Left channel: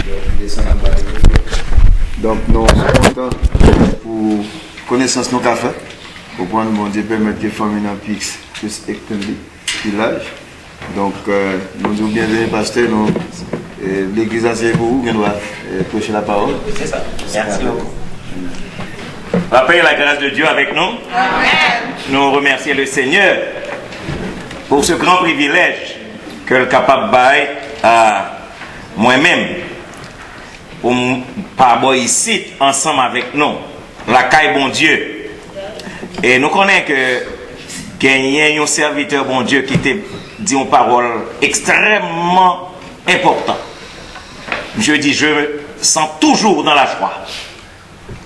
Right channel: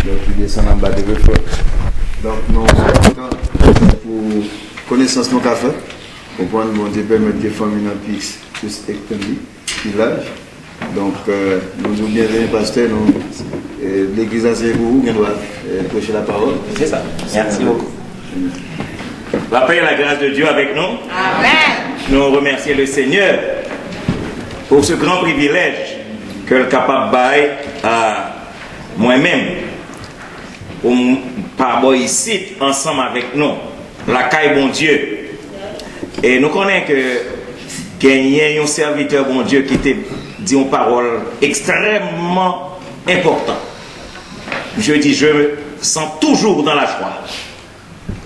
qui descend en bas de l'effort. Donc, nous sommes contents pour connaissance nos cafés, pour prendre mon Dieu permettre de former un plus étendu, plus large. Donc, nous disons bienvenue, pasteur. L'église a pour vous, qui doit prêcher la parole. C'est ça. Merci beaucoup. La paix et la grâce de Dieu avec nous. Amen. Nous remercions le Seigneur pour ce grand privilège que le capable bail à moi-même pour parler ici ensemble avec nous la caille bon Dieu. Et nous connaissons que il y a un serviteur bon Dieu qui te dit une parole extrêmement importante. Je dis, je me sens toujours dans la joie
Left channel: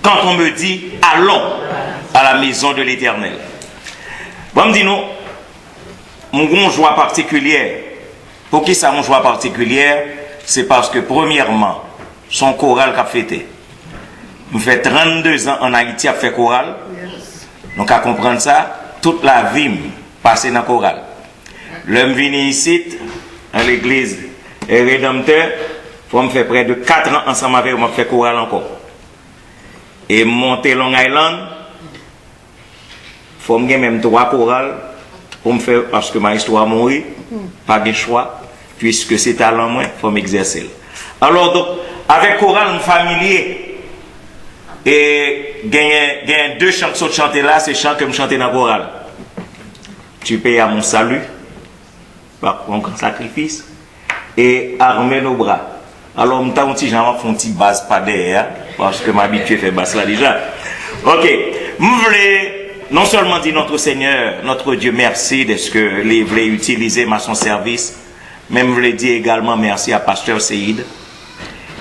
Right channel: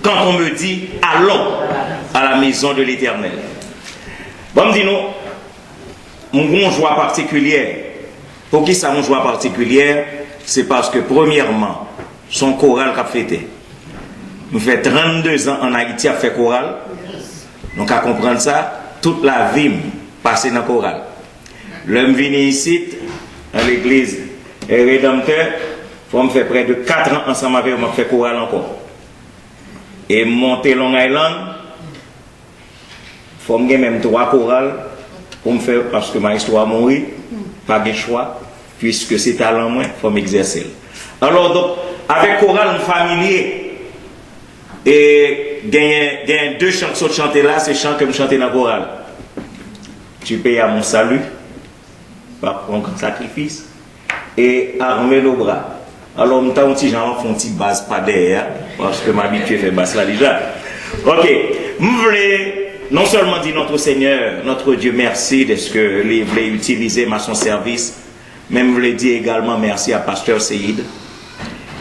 quand on me dit allons à la maison de l'Éternel. Bon, me dit nous, une joie particulière. Pour qui ça, une joie particulière? C'est parce que, premièrement, son choral qu'a fêté. Nous fait 32 ans en Haïti à fait choral. Donc, à comprendre ça, toute la vie passée dans le choral. L'homme venu ici, à l'église Rédempteur, il faut me faire près de 4 ans ensemble avec moi, fait choral encore. Et monter Long Island, il faut me même 3 chorales pour me faire, parce que ma histoire mourit, pas de choix, puisque c'est talent moins, il faut m'exercer. Alors, donc, avec chorale familier, et gagne 2 chants que je chanter là, c'est chants que je chanter dans la chorale. Tu payes à mon salut, par un grand sacrifice, et armer nos bras. Alors, je vais faire un petit base pas derrière, parce que m'habitué à faire basse là déjà. Ok. Je voulais non seulement dire notre Seigneur, notre Dieu, merci de ce que vous voulez utiliser à son service, mais je voulais dire également merci à Pasteur Seïd,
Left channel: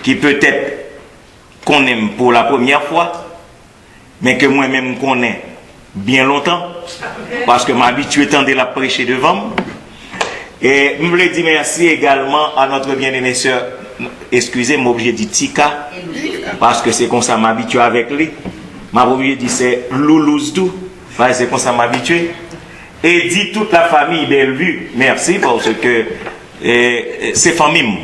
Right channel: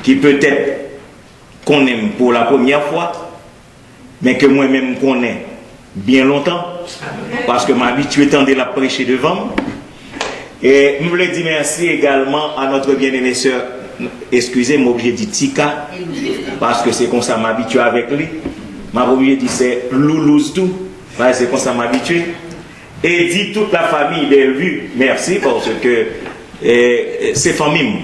qui peut-être qu'on aime pour la première fois, mais que moi-même connais bien longtemps, parce que m'habitué tant de la prêcher devant moi. Et je voulais dire merci également à notre bien-aimé sœur. Excusez-moi, obligé de dire Tika, parce que c'est comme ça m'habitue avec lui. M'a obligé de dire c'est Loulouse tout, c'est comme ça m'habitue. Et dit toute la famille Bellevue, merci parce que c'est famille.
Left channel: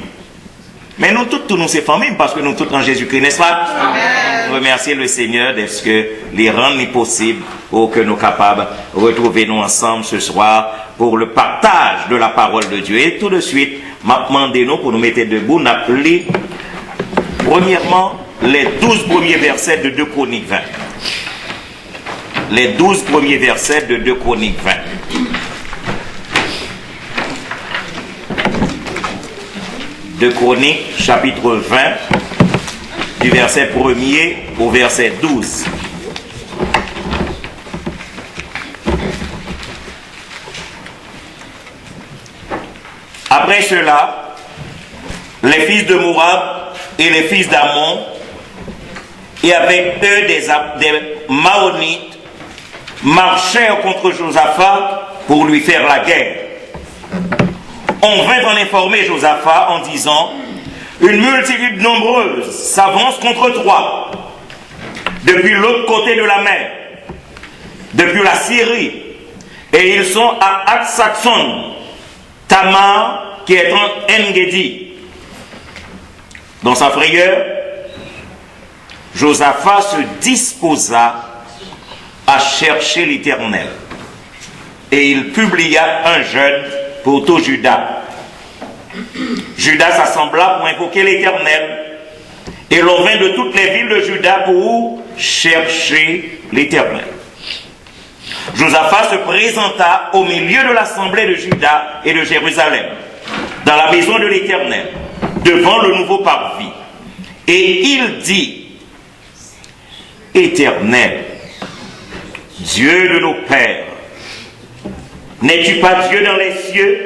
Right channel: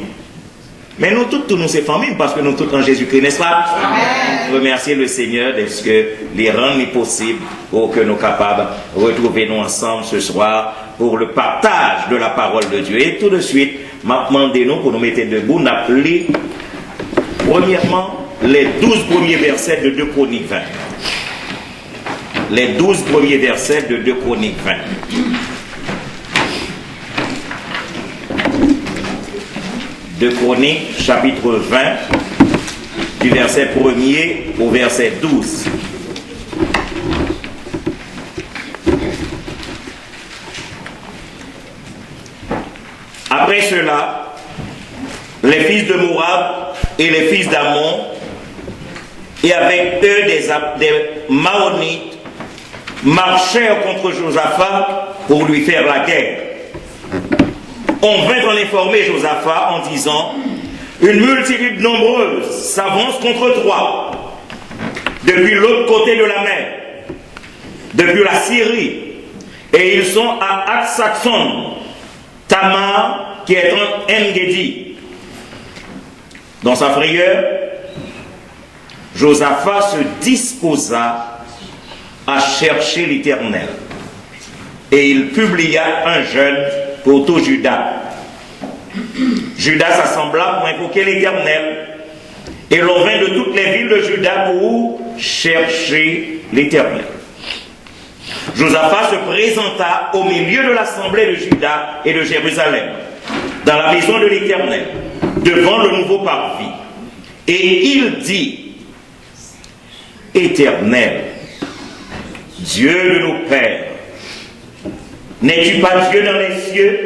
Mais nous tous nous c'est famille parce que nous tous en Jésus-Christ, n'est-ce pas? Amen. Remercier le Seigneur de ce que les rendre possible pour que nous capables de retrouver nous ensemble ce soir pour le partage de la parole de Dieu. Et tout de suite, m'a demandé nous pour nous mettre debout, nous appeler premièrement les 12 premiers versets de 2 Chroniques 20. Les 12 premiers versets de 2 Chroniques 20. De Chroniques, chapitre 20, du verset 1er au verset 12. Après cela, les fils de Moab et les fils d'Ammon, et avec eux des Maonites, marchèrent contre Josaphat pour lui faire la guerre. On vint en informer Josaphat en disant: une multitude nombreuse s'avance contre toi, depuis l'autre côté de la mer, depuis la Syrie, et ils sont à Aksaxon, Tamar, qui est en En-Gedi. Dans sa frayeur, Josaphat se disposa à chercher l'Éternel. Et il publia un jeûne pour tout Juda. Juda s'assembla pour invoquer l'Éternel. Et l'on vint de toutes les villes de Juda pour chercher l'Éternel. Josaphat se présenta au milieu de l'assemblée de Juda et de Jérusalem, dans la maison de l'Éternel, devant le nouveau parvis. Et il dit: Éternel, Dieu de nos pères, n'es-tu pas Dieu dans les cieux?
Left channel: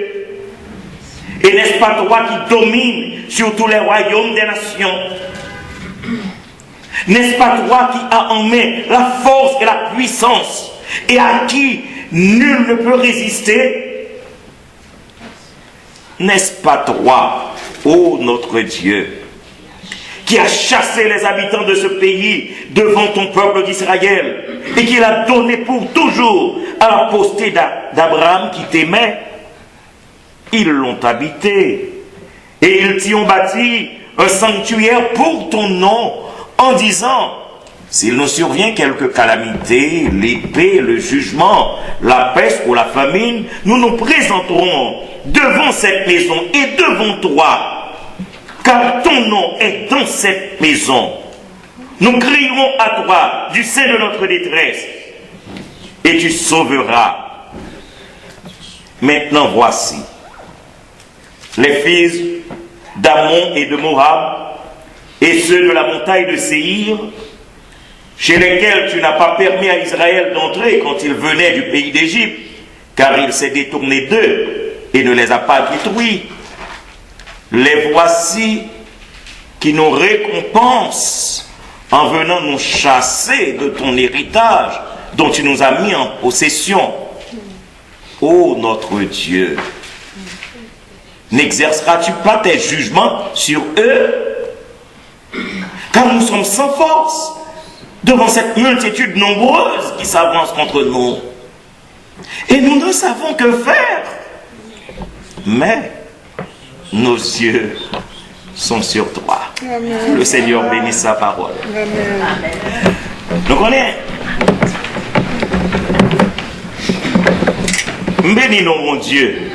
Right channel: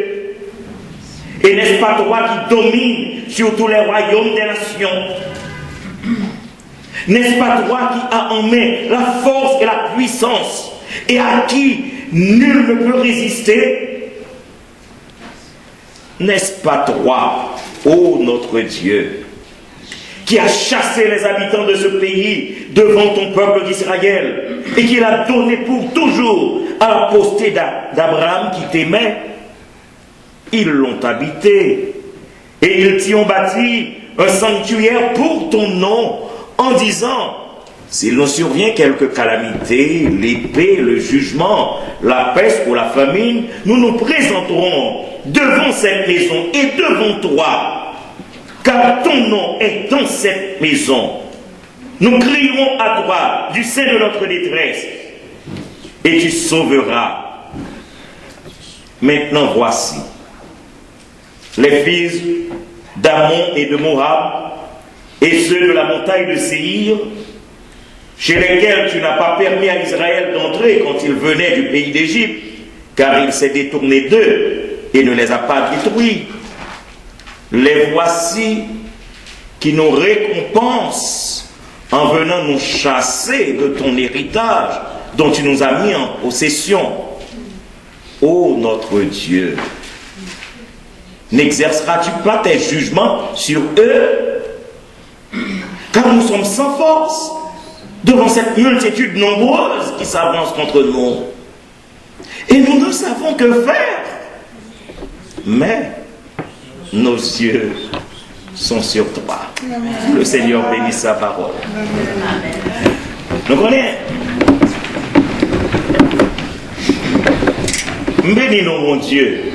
Et n'est-ce pas toi qui domines sur tous les royaumes des nations? N'est-ce pas toi qui as en main la force et la puissance, et à qui nul ne peut résister? N'est-ce pas toi, ô notre Dieu, qui a chassé les habitants de ce pays devant ton peuple d'Israël, et qui l'a donné pour toujours à la postérité d'Abraham qui t'aimait? Ils l'ont habité, et ils t'y ont bâti un sanctuaire pour ton nom, en disant, s'il nous survient quelque calamité, l'épée, le jugement, la peste ou la famine, nous nous présenterons devant cette maison et devant toi, car ton nom est dans cette maison. Nous crierons à toi du sein de notre détresse, et tu sauveras. Maintenant voici, les fils d'Ammon et de Moab, et ceux de la montagne de Séhir, chez lesquels tu n'as pas permis à Israël d'entrer quand il venait du pays d'Égypte, car il s'est détourné d'eux et ne les a pas détruits. Les voici qui nous récompensent en venant nous chasser de ton héritage dont tu nous as mis en possession. Ô notre Dieu, n'exerceras-tu pas tes jugements sur eux? Car nous sommes sans force devant cette multitude nombreuse qui s'avance contre nous. Et nous ne savons que faire. Mais nos yeux sont sur toi. Amen. Le Seigneur bénisse sa parole. Amen. Nous connaissons. Bénis-nous, mon Dieu,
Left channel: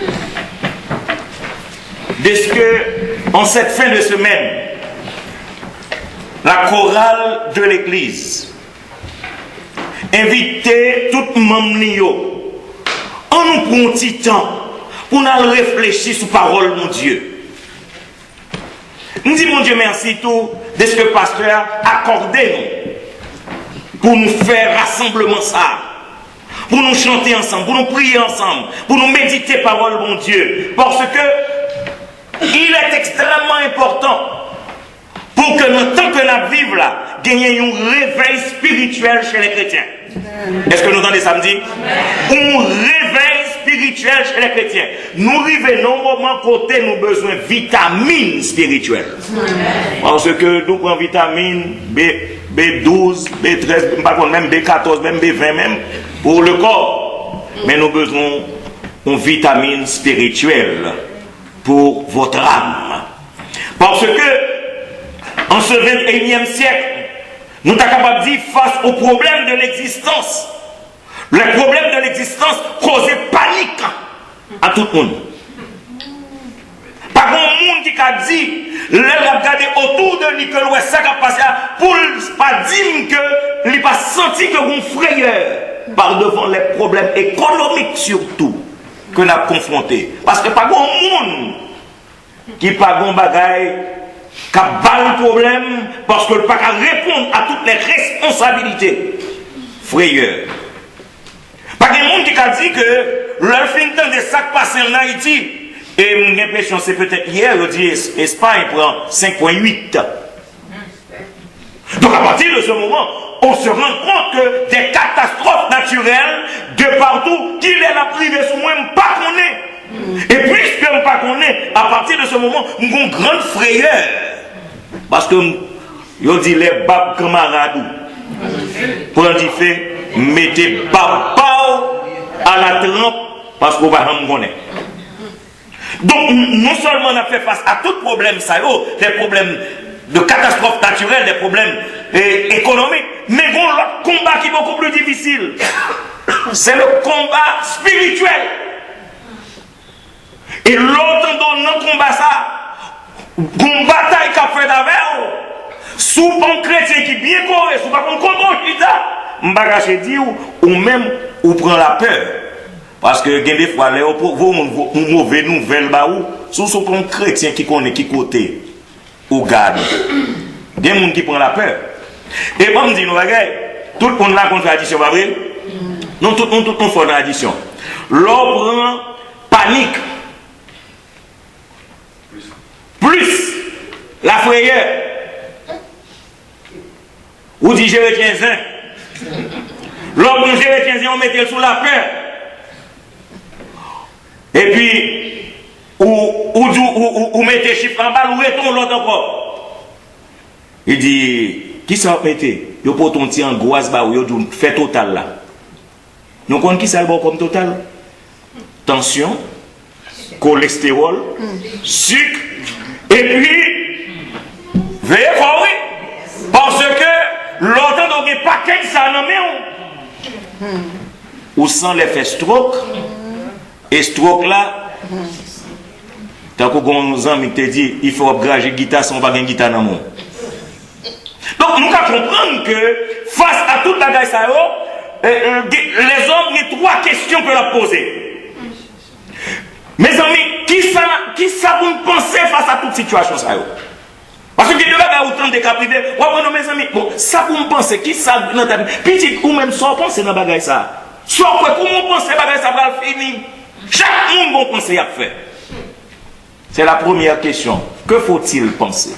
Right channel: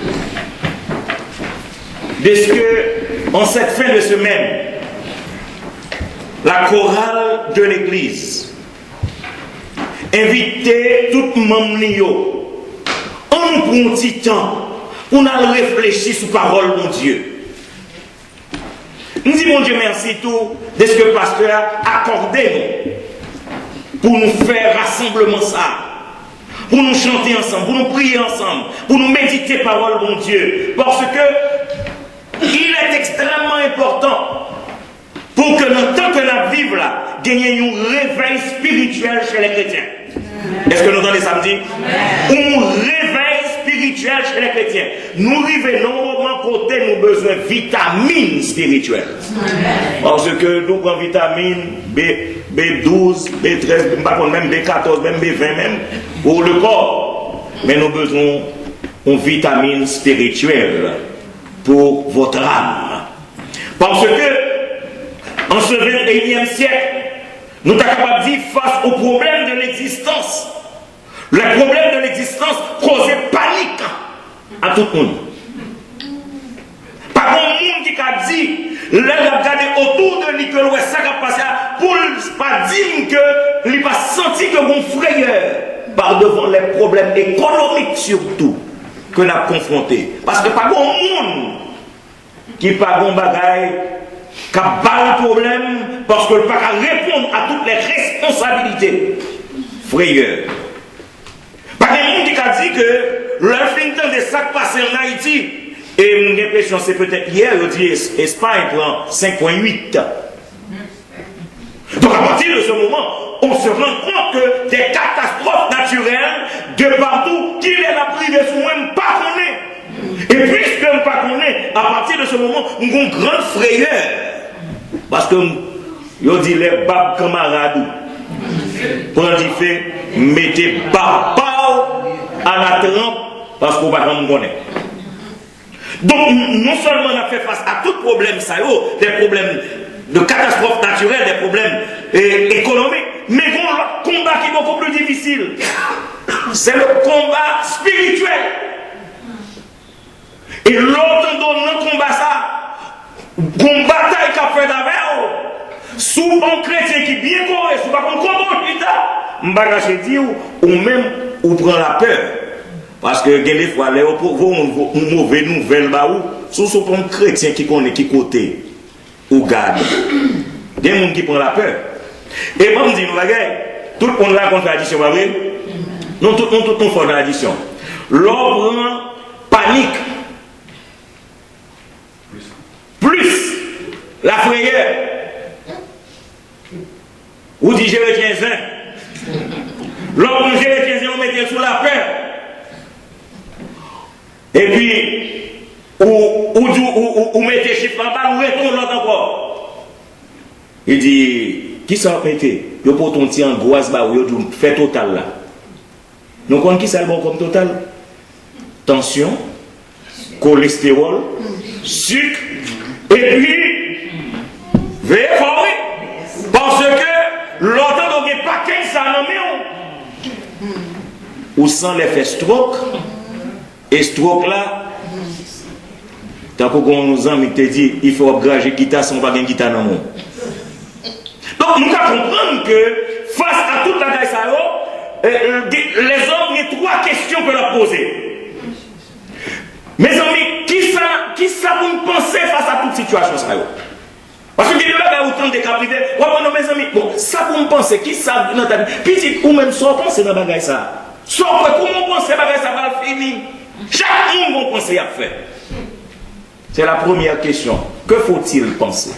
de ce que, en cette fin de semaine, la chorale de l'Église invitait tout le monde en nous prenant un petit temps pour nous réfléchir sur la parole, mon Dieu. Nous disons, mon Dieu, merci tout de ce que le pasteur a accordé nous pour nous faire rassemblement ça. Pour nous chanter ensemble, pour nous prier ensemble, pour nous méditer parole, mon Dieu. Parce que il est extrêmement important pour que nous, tant que nous vivons là, gagnions un réveil spirituel chez les chrétiens. Est-ce que nous entendez samedi? Un réveil spirituel chez les chrétiens. Nous arrivons au moment côté nous besoin de vitamines spirituelles. Parce que nous prenons vitamines B12, B13, même B14, même B20 même, pour le corps. Mais nous besoin de vitamines spirituelles pour votre âme. Parce que, en ce 21e siècle, nous sommes capables de dire face aux problèmes de l'existence. Les problèmes de l'existence causaient panique à tout le monde. Pas grand monde qui a dit, il a regardé autour de lui que l'ouest ça a passé pour ne pas dire que il n'a pas senti que mon frayeur par devant les problèmes économiques surtout que nous avons confrontés. Parce que pas grand monde qui pas grand bagaille qui a pas le problème parce que le pas répondre à toutes les responsabilités. Frayeur. Pas de monde qui a dit que le fin temps de ça qui passe en Haïti, et mon impression c'est peut-être hier, on dit Espagne prend 5,8. Donc à partir de ce moment, on se rend compte que des catastrophes naturelles de partout, qu'il est la privée sous moi, pas qu'on est. Et puisque je ne pas qu'on est, à partir de ce moment, nous avons une grande frayeur. Parce que, je dis les babes camarades, pour en dire fait, mettez papa à la trempe, parce qu'on va me connaître. Donc, non seulement on a fait face à tout problème, ça y est, des problèmes de catastrophes naturelles, des problèmes économiques, mais il y a un combat qui est beaucoup plus difficile. C'est le combat spirituel. Et l'autre dans le combat ça, une bataille qu'a fait d'avant, sous un chrétien qui est bien coré, sous un combat qui t'a, je dis, ou même, ou prend la peur. Parce que, des fois, les mauvaises nouvelles, sous un chrétien qui connaît, qui côté, ou garde. Des gens qui prennent la peur. Et moi, je dis, nous, tout le monde raconte l'addition, pas vrai? Non, tout le monde fait l'addition. L'ordre panique. Plus la frayeur. Ou dit je retiens un. L'ordre je retiens un, on mettait sous la peur. Et puis, ou mettez chiffre en bas, ou retourne l'autre encore. Il dit, qui ça mettez? Yo pour ton petit angoisse, bah, yo fait total là. Nous connaissons qui ça le bon comme total? Tension, cholestérol, sucre, et puis Veillez fort, oui. Parce que l'autant donc pas qu'un ça nommé ou sans l'effet stroke. Et stroke là, tant qu'on nous a dit, il faut upgrader guitare sans pas de guitare dans le monde. Donc nous devons comprendre que face à toute la guerre, les hommes ont trois questions que leur poser. Mes amis, qui ça vous pensez face à toute situation ça? Parce que il y a autant de cas privés. Mes amis, bon, ça vous pensez, qui ça dans ta vie? Petit ou même sans penser dans la bagaille ça. Sans quoi, comment penser bagaille ça va finir? Chaque monde va penser à faire. C'est la première question. Que faut-il penser?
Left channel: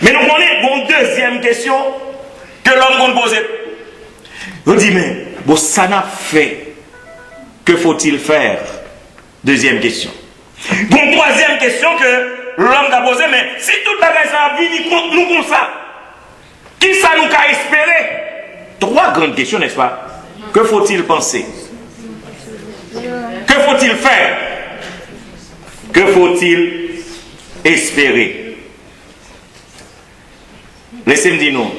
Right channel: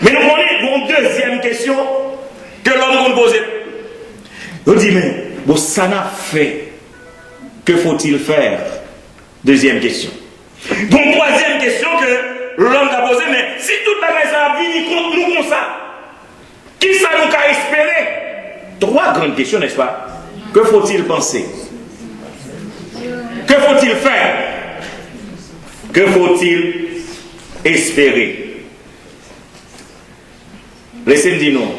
Mais nous avons une deuxième question que l'homme va poser. On dit, mais bon, ça n'a fait. Que faut-il faire? Deuxième question. Bon, troisième question que l'homme a posée, mais si toute la raison a venu contre nous comme ça, qui ça nous a espéré? Trois grandes questions, n'est-ce pas? Que faut-il penser? Que faut-il faire? Que faut-il espérer? Laissez-moi dire non.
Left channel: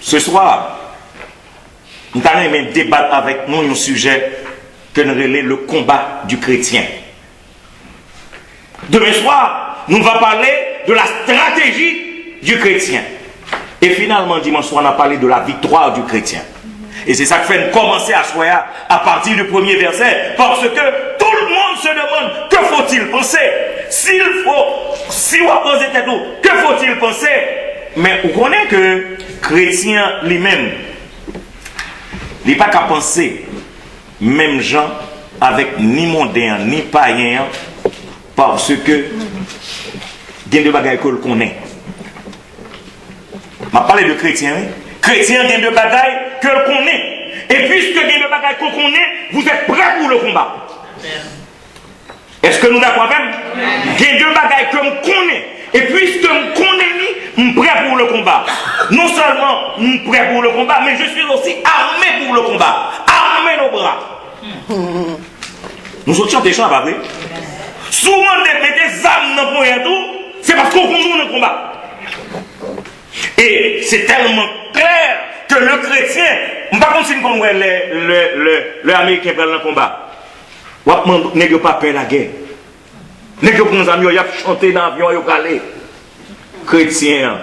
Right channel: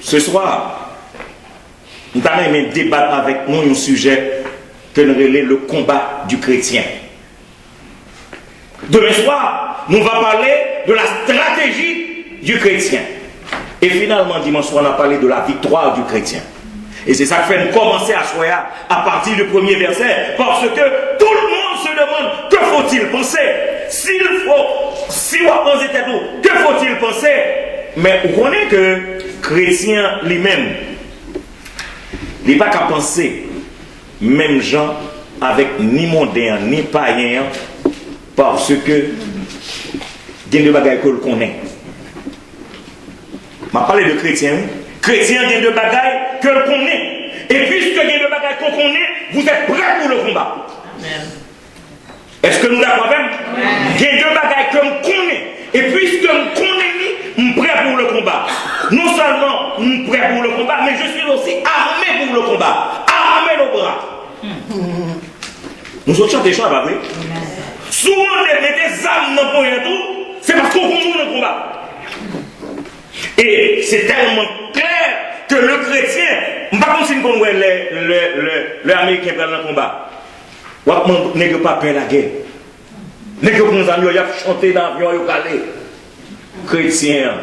Ce soir, nous allons débattre avec nous un sujet que nous relève le combat du chrétien. Demain soir, nous allons parler de la stratégie du chrétien. Et finalement, dimanche soir, on a parlé de la victoire du chrétien. Et c'est ça qui fait commencer à choisir à partir du premier verset. Parce que tout le monde se demande que faut-il penser? Si on pose tout, que faut-il penser? Mais vous connaissez que chrétien lui-même, il n'est pas qu'à penser, même gens avec ni mondain, ni païen, parce que il y a des bagailles que l'on connaît. Je parle de chrétiens. Chrétiens, il y a des bagailles que l'on connaît. Et puisque il y a des bagailles qu'on connaît, vous êtes prêts pour le combat. Est-ce que nous d'accord même? Il y a deux bagailles que l'on connaît. Et puisque je connais, je suis prêt pour le combat. Non seulement je suis prêt pour le combat, mais je suis aussi armé pour le combat. Armé nos bras. Nous sommes chantés chants, pas vrai? Souvent, de mettre des âmes dans le tout, c'est parce qu'on connaît le combat. Et c'est tellement clair que le chrétien, je ne sais pas si nous connaissons les Américains dans le combat. N'est pas peur la guerre. N'est que nos amis, ils ont chanté dans l'avion, ils ont calé. Chrétien,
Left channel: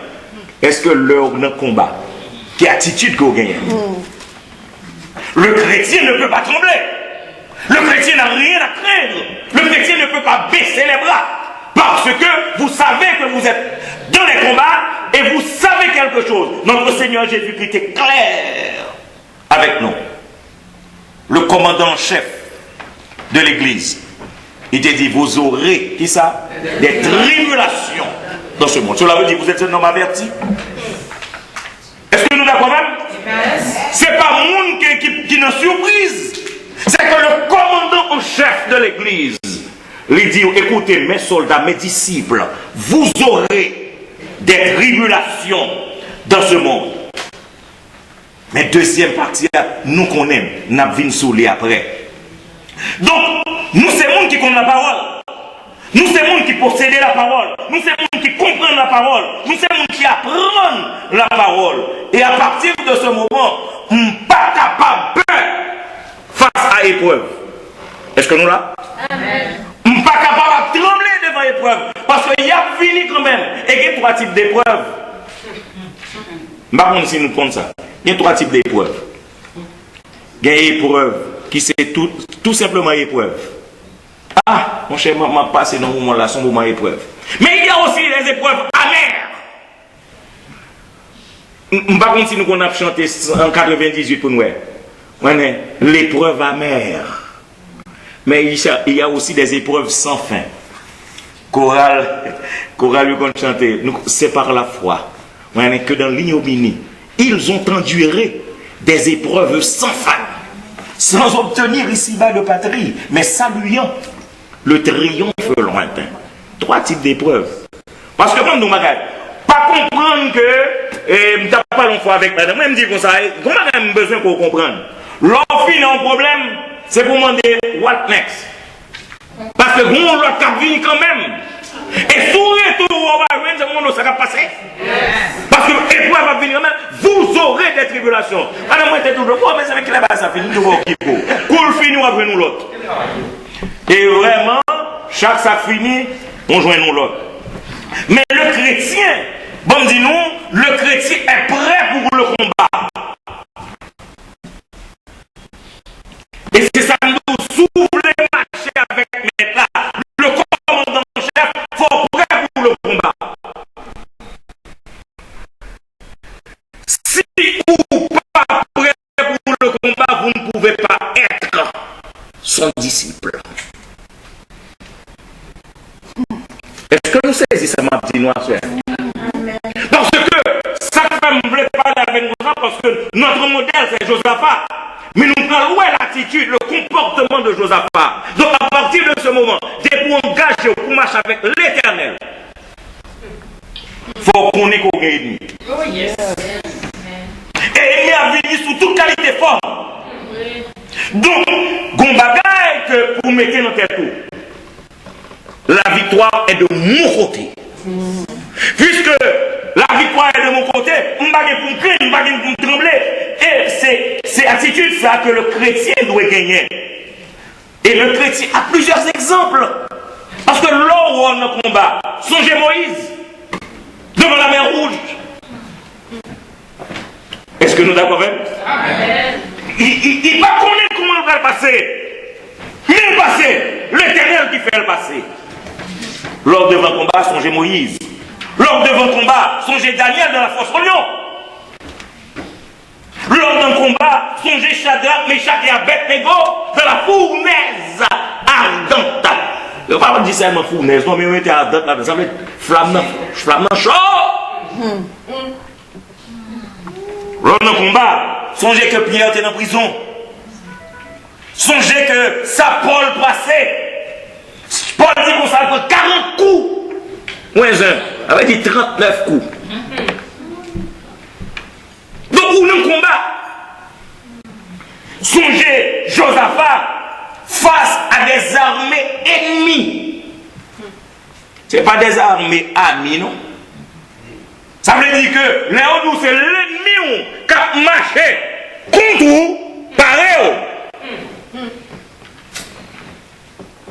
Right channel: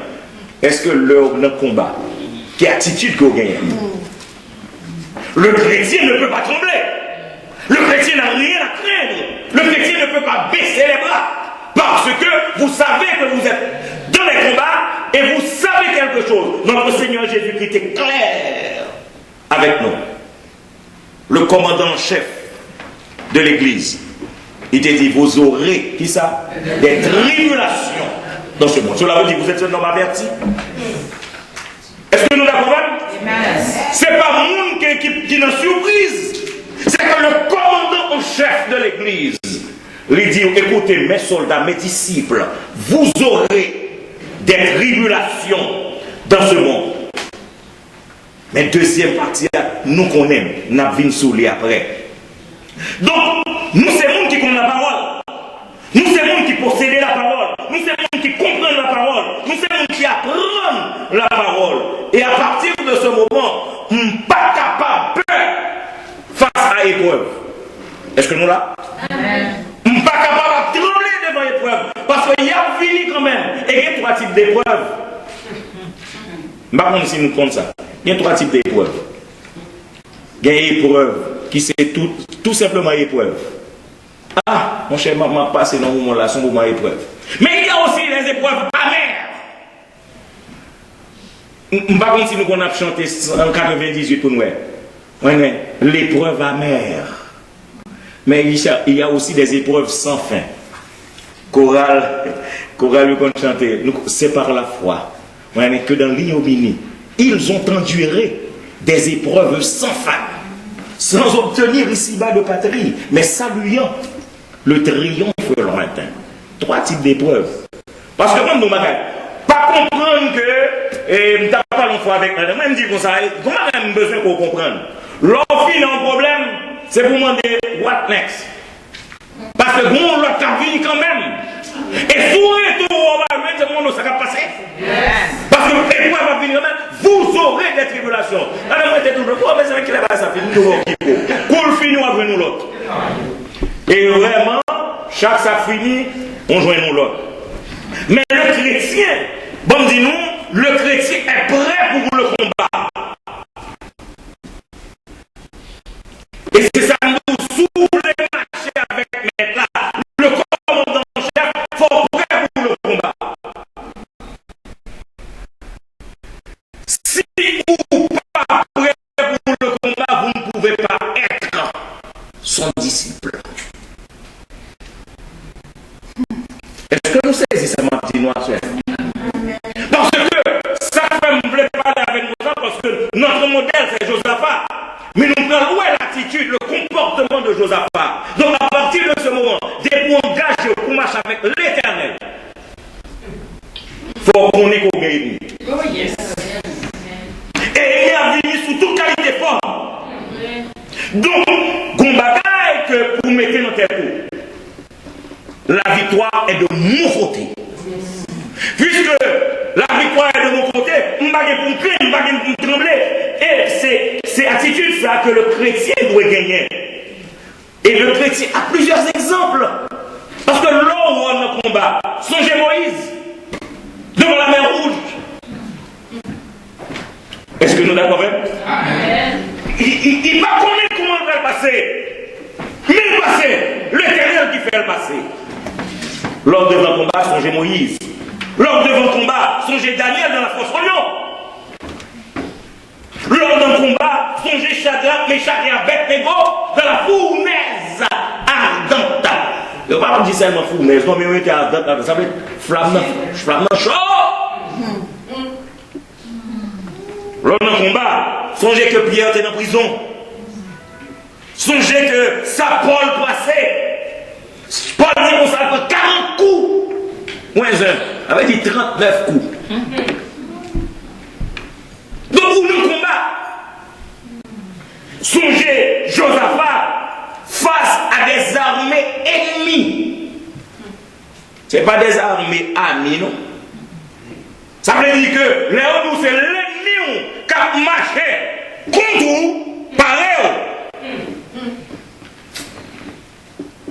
est-ce que l'heure d'un combat, quelle attitude qu'on gagne? Le chrétien ne peut pas trembler. Le chrétien n'a rien à craindre. Le chrétien ne peut pas baisser les bras. Parce que vous savez que vous êtes dans les combats et vous savez quelque chose. Notre Seigneur Jésus-Christ est clair avec nous. Le commandant en chef de l'Église, il te dit, vous aurez, qui ça? Des tribulations dans ce monde. Cela veut dire, vous êtes un homme averti. Est-ce que nous d'accord même? C'est pas monde qui nous surprise. C'est que le commandant en chef de l'Église lui dit, écoutez, mes soldats, mes disciples, vous aurez des tribulations dans ce monde. Mais deuxième partie, nous connaissons, nous avons souli après. Donc, nous, c'est monde qui connaît la parole. Nous, c'est monde qui possède la parole. Nous, c'est monde qui comprend la parole. Nous, c'est monde qui apprend la parole. Et à partir de ce moment, on n'est pas capable face à l'épreuve. Est-ce que nous là? Amen. On n'est pas capable de trembler devant l'épreuve. Parce qu'il y a fini quand même. Et il y a trois types d'épreuves. Je ne sais pas si nous comptons ça. Il y a trois types d'épreuves. Il y a une épreuve qui c'est tout simplement épreuve. Ah, mon cher, m'a passé dans ce moment-là, son moment épreuve. Mais il y a aussi les épreuves amères. Je ne sais pas si nous avons chanté en 98 pour nous. L'épreuve amère. Mais il y a aussi des épreuves sans fin. Chorale, nous chanter. C'est par la foi. Que dans l'ignominie, ils ont enduré des épreuves sans fin. Sans obtenir ici-bas de patrie, mais saluant le triomphe lointain. Trois types d'épreuves. Parce que comme nous ne pas comprendre que, je ne pas longtemps avec madame, je me dis comme ça, comment j'ai besoin qu'on comprenne? L'enfant a un problème, c'est pour demander what next. Parce que bon, l'autre a venu quand même. Et sous retour, on va jouer, c'est mon ça va passer. Parce que l'épreuve va venir même, vous aurez des tribulations. Alors moi, j'étais toujours, mais c'est avec la base, ça finit toujours au kiko. Cool fini, on va jouer nous l'autre. Et vraiment, chaque ça finit, on joue nous l'autre. Mais le chrétien, bon, dis-nous, le chrétien est prêt pour le combat. Et c'est ça nous sous les marchés avec là. Le commandant chef, il faut prêt pour le combat. Si vous n'êtes pas prêt pour le combat, vous ne pouvez pas être son disciple. Est-ce que nous saisissons ma petite noire soeur? Parce que ça ne me plaît pas avec nous parce que notre modèle c'est Josaphat. Mais nous prenons où est l'attitude, le comportement de Josaphat. Donc à partir de ce moment, dès pour engager pour marcher avec l'Éternel, il faut qu'on ait qu'on gagne. Et il a venu sous toute qualité forme. Donc, Gombagaï que pour mettre dans tes coups. La victoire est de mon côté. Puisque la victoire est de mon côté, je ne vais pas pour craindre, je ne vais pas pour trembler. Et c'est attitude ça que le chrétien doit gagner. Et le chrétien a plusieurs exemples. Parce que là où on a combat, songez Moïse devant la mer Rouge. Est-ce que nous d'accord avec? Il va connaître comment il va le passer. Mais le passer, l'Éternel qui fait le passer. Lors devant le combat, songez Moïse. Lors devant le combat, songez Daniel dans la fosse au lion. Lors d'un combat, songez Shadrach, Meshach et Abednego dans la fournaise ardente. Je ne vais pas dire seulement fournaise, non, mais on était ardente, ça veut dire flamme chaud. Lors d'un combat, songez que Pierre était en prison. Songez que sa Paul passait. Paul dit qu'on s'en fait 40 coups. Moins un, avait dit 39 coups. Donc, où nous combat? Songez Josaphat face à des armées ennemies. Ce n'est pas des armées amies, non? Ça veut dire que Léon, c'est l'ennemi qui a marché contre vous, pareil.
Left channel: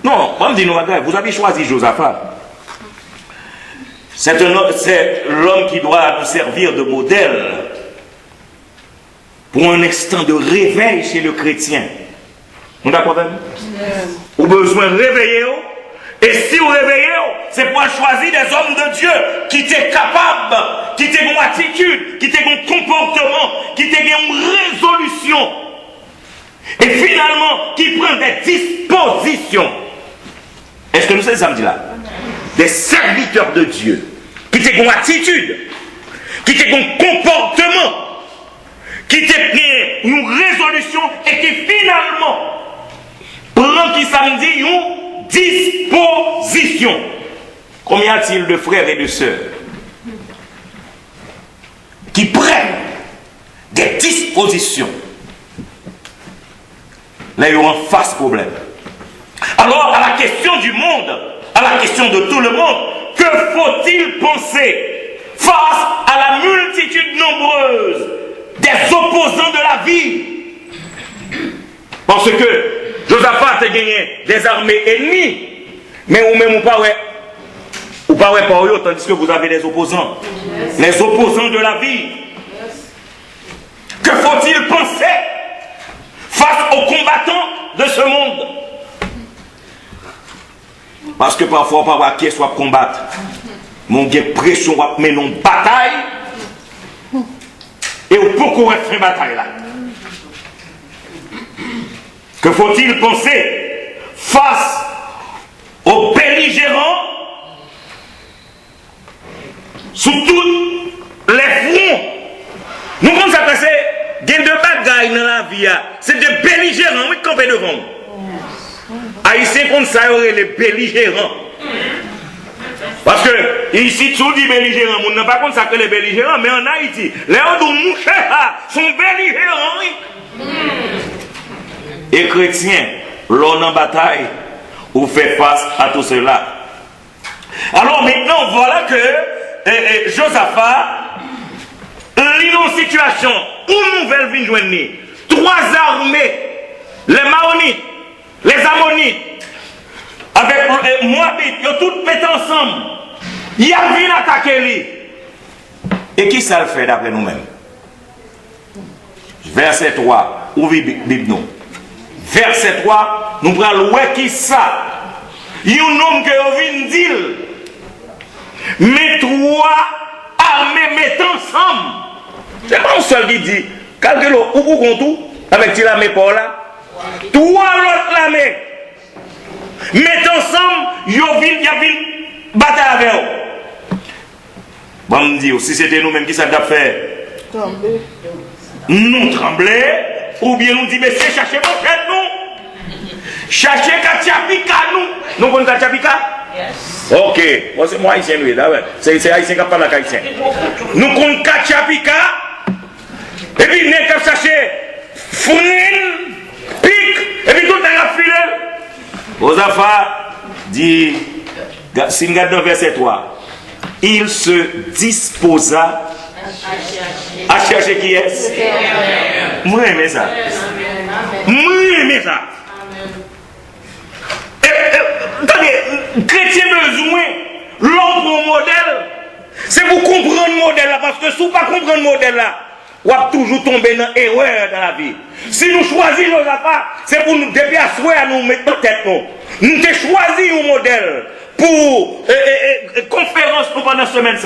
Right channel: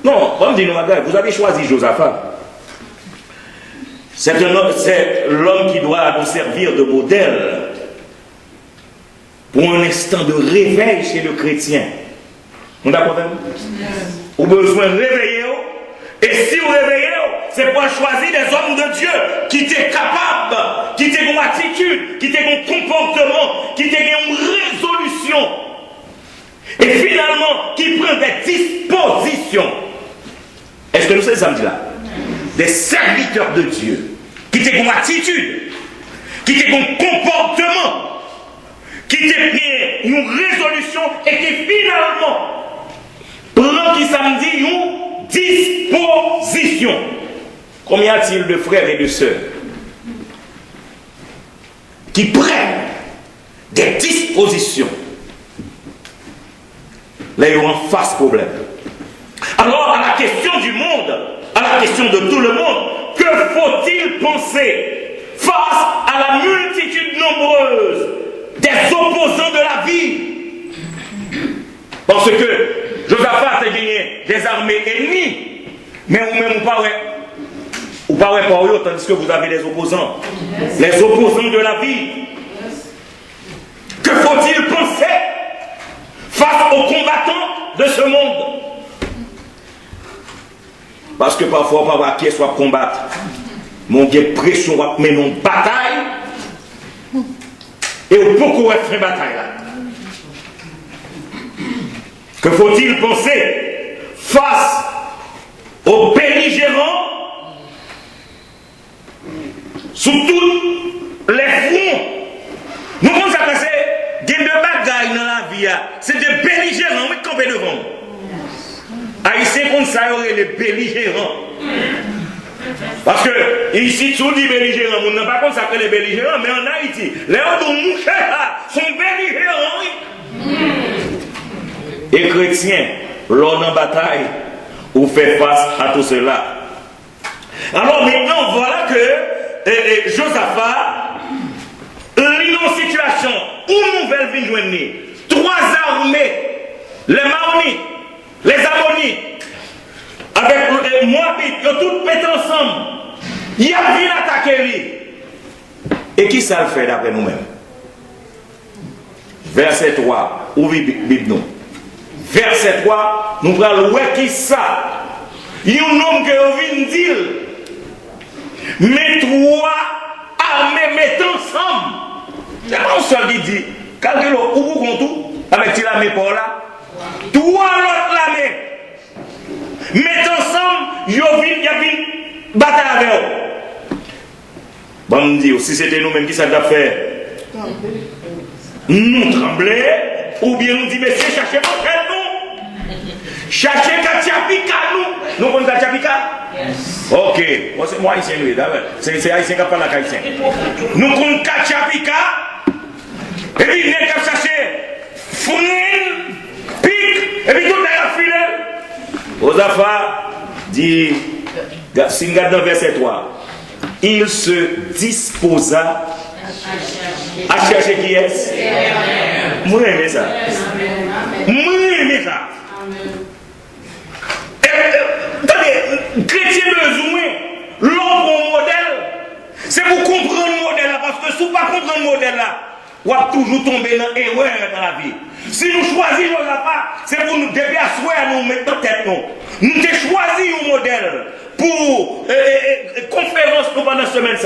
Non, on me dit, vous avez choisi Josaphat. C'est l'homme qui doit nous servir de modèle pour un instant de réveil chez le chrétien. On a quoi même? Vous avez besoin de réveiller. Et si vous réveillez, c'est pour choisir des hommes de Dieu qui étaient capables, qui étaient une attitude, qui étaient un comportement, qui étaient une résolution. Et finalement, qui prennent des dispositions. Est-ce que nous sommes samedi là? Des serviteurs de Dieu, qui étaient une attitude, qui étaient un comportement, qui étaient une résolution et qui finalement prend qui samedi une disposition. Combien y a-t-il de frères et de sœurs qui prennent des dispositions? Là, ils ont un face problème. Alors, à la question du monde, à la question de tout le monde, que faut-il penser face à la multitude nombreuse des opposants de la vie? Parce que Josaphat a gagné des armées ennemies, mais vous-même, vous ne parlez pas eux, tandis que vous avez des opposants. Les opposants de la vie. Que faut-il penser face aux combattants de ce monde? Parce que parfois, on va voir qui soit combattre. Mon Dieu, pression, mais non bataille. Et on peut courir une bataille là. Que faut-il penser face aux belligérants sous tous les fronts? Nous avons passé des deux bagailles dans la vie. C'est des belligérants, oui, campés devant nous. Haïtiens comme ça, il y aurait les belligérants. Parce que ici, tout dit belligérants. On n'a pas comme ça que les belligérants, mais en Haïti, les gens de sont belligérants. Oui. Et chrétiens, l'on en bataille, ou fait face à tout cela. Alors maintenant, voilà que Josaphat est dans une situation où une nouvelle vie joignée. 3 armées, les Maonites, les Ammonites, avec les Moabites, ils ont toutes pété ensemble. Il y a vu attaquer lui. Et qui ça le fait d'après nous-mêmes? Verset 3, ouvrez Bible nous. Verset 3, nous prenons le qui ça. Il y a un homme qui vient dire, mais 3 armées mettent ensemble. C'est pas un seul qui dit, calculez où vous comptez avec l'armée pour là. 3 autres armées mettent ensemble, il y a une bataille avec eux. Bon, me dire, si c'était nous-mêmes qui ça doit faire, nous trembler, ou bien nous dire, mais c'est chercher mon frère, nous. Chercher Katiapika, nous. Nous connaissons Katiapika? Yes. Ok. C'est moi haïtien, oui, d'accord. C'est haïtien qui parle à haïtien. Nous connaissons Katiapika, et puis nous avons cherché Founine, Pic, et puis tout le monde a filé. Josaphat dit, si nous regardons verset 3, il se disposa à chercher qui est. Moi j'aime ça. Moi j'aime ça. Attendez, chrétien besoin l'autre modèle, c'est pour comprendre le modèle là, parce que si vous ne comprenez pas le modèle là, vous allez toujours tomber dans l'erreur dans la vie. Si nous choisissons nos affaires, c'est pour nous déplacer à nous mettre dans tête. Nous avons choisi un modèle pour conférence pendant la semaine.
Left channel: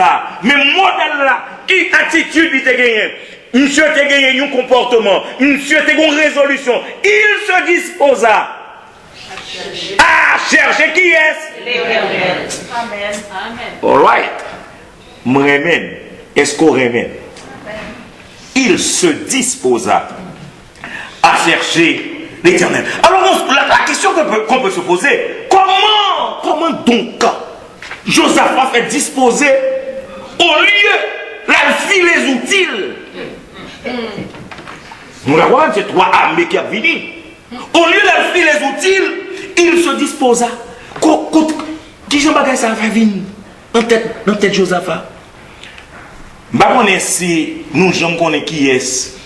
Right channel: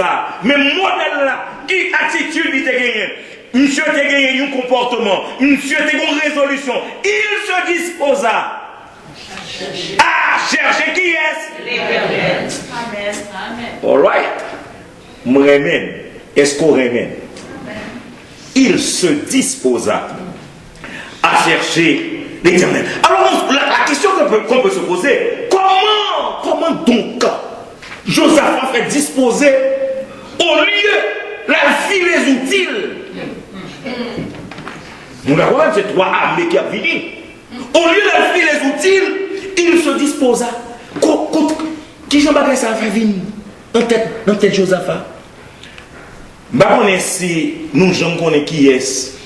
Mais le modèle là, qui attitude il a gagné? Monsieur a gagné un comportement, monsieur a gagné une résolution. Il se disposa à chercher qui est. All right. M'remen. Est-ce qu'on remène? Il se disposa à chercher l'Éternel. Alors la question qu'on peut se poser, comment donc Josaphat fait disposer au lieu la fille les outils? Nous la voyons, c'est 3 armées qui a fini. Au lieu de la fille les outils, il se disposa. Qui j'en bagaille ça a fait venir dans tête Josaphat? Je ne sais pas si nous connaissons qui est,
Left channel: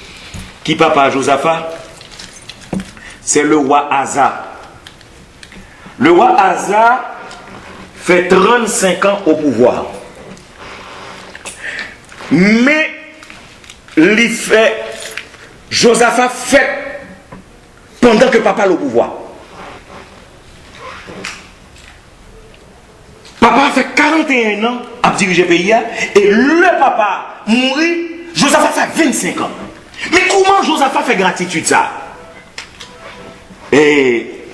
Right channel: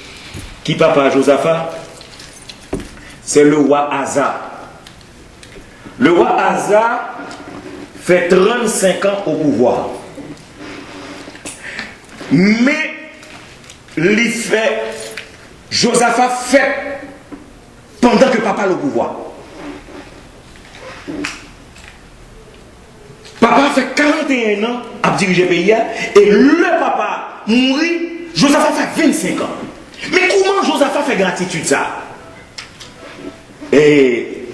qui papa Josaphat. C'est le roi Asa. Le roi Asa fait 35 ans au pouvoir. Mais Josaphat fait pendant que papa est au pouvoir. Papa fait 41 ans à diriger le pays et le papa mourit, Josaphat fait 25 ans. Mais comment Josaphat fait gratitude ça? Et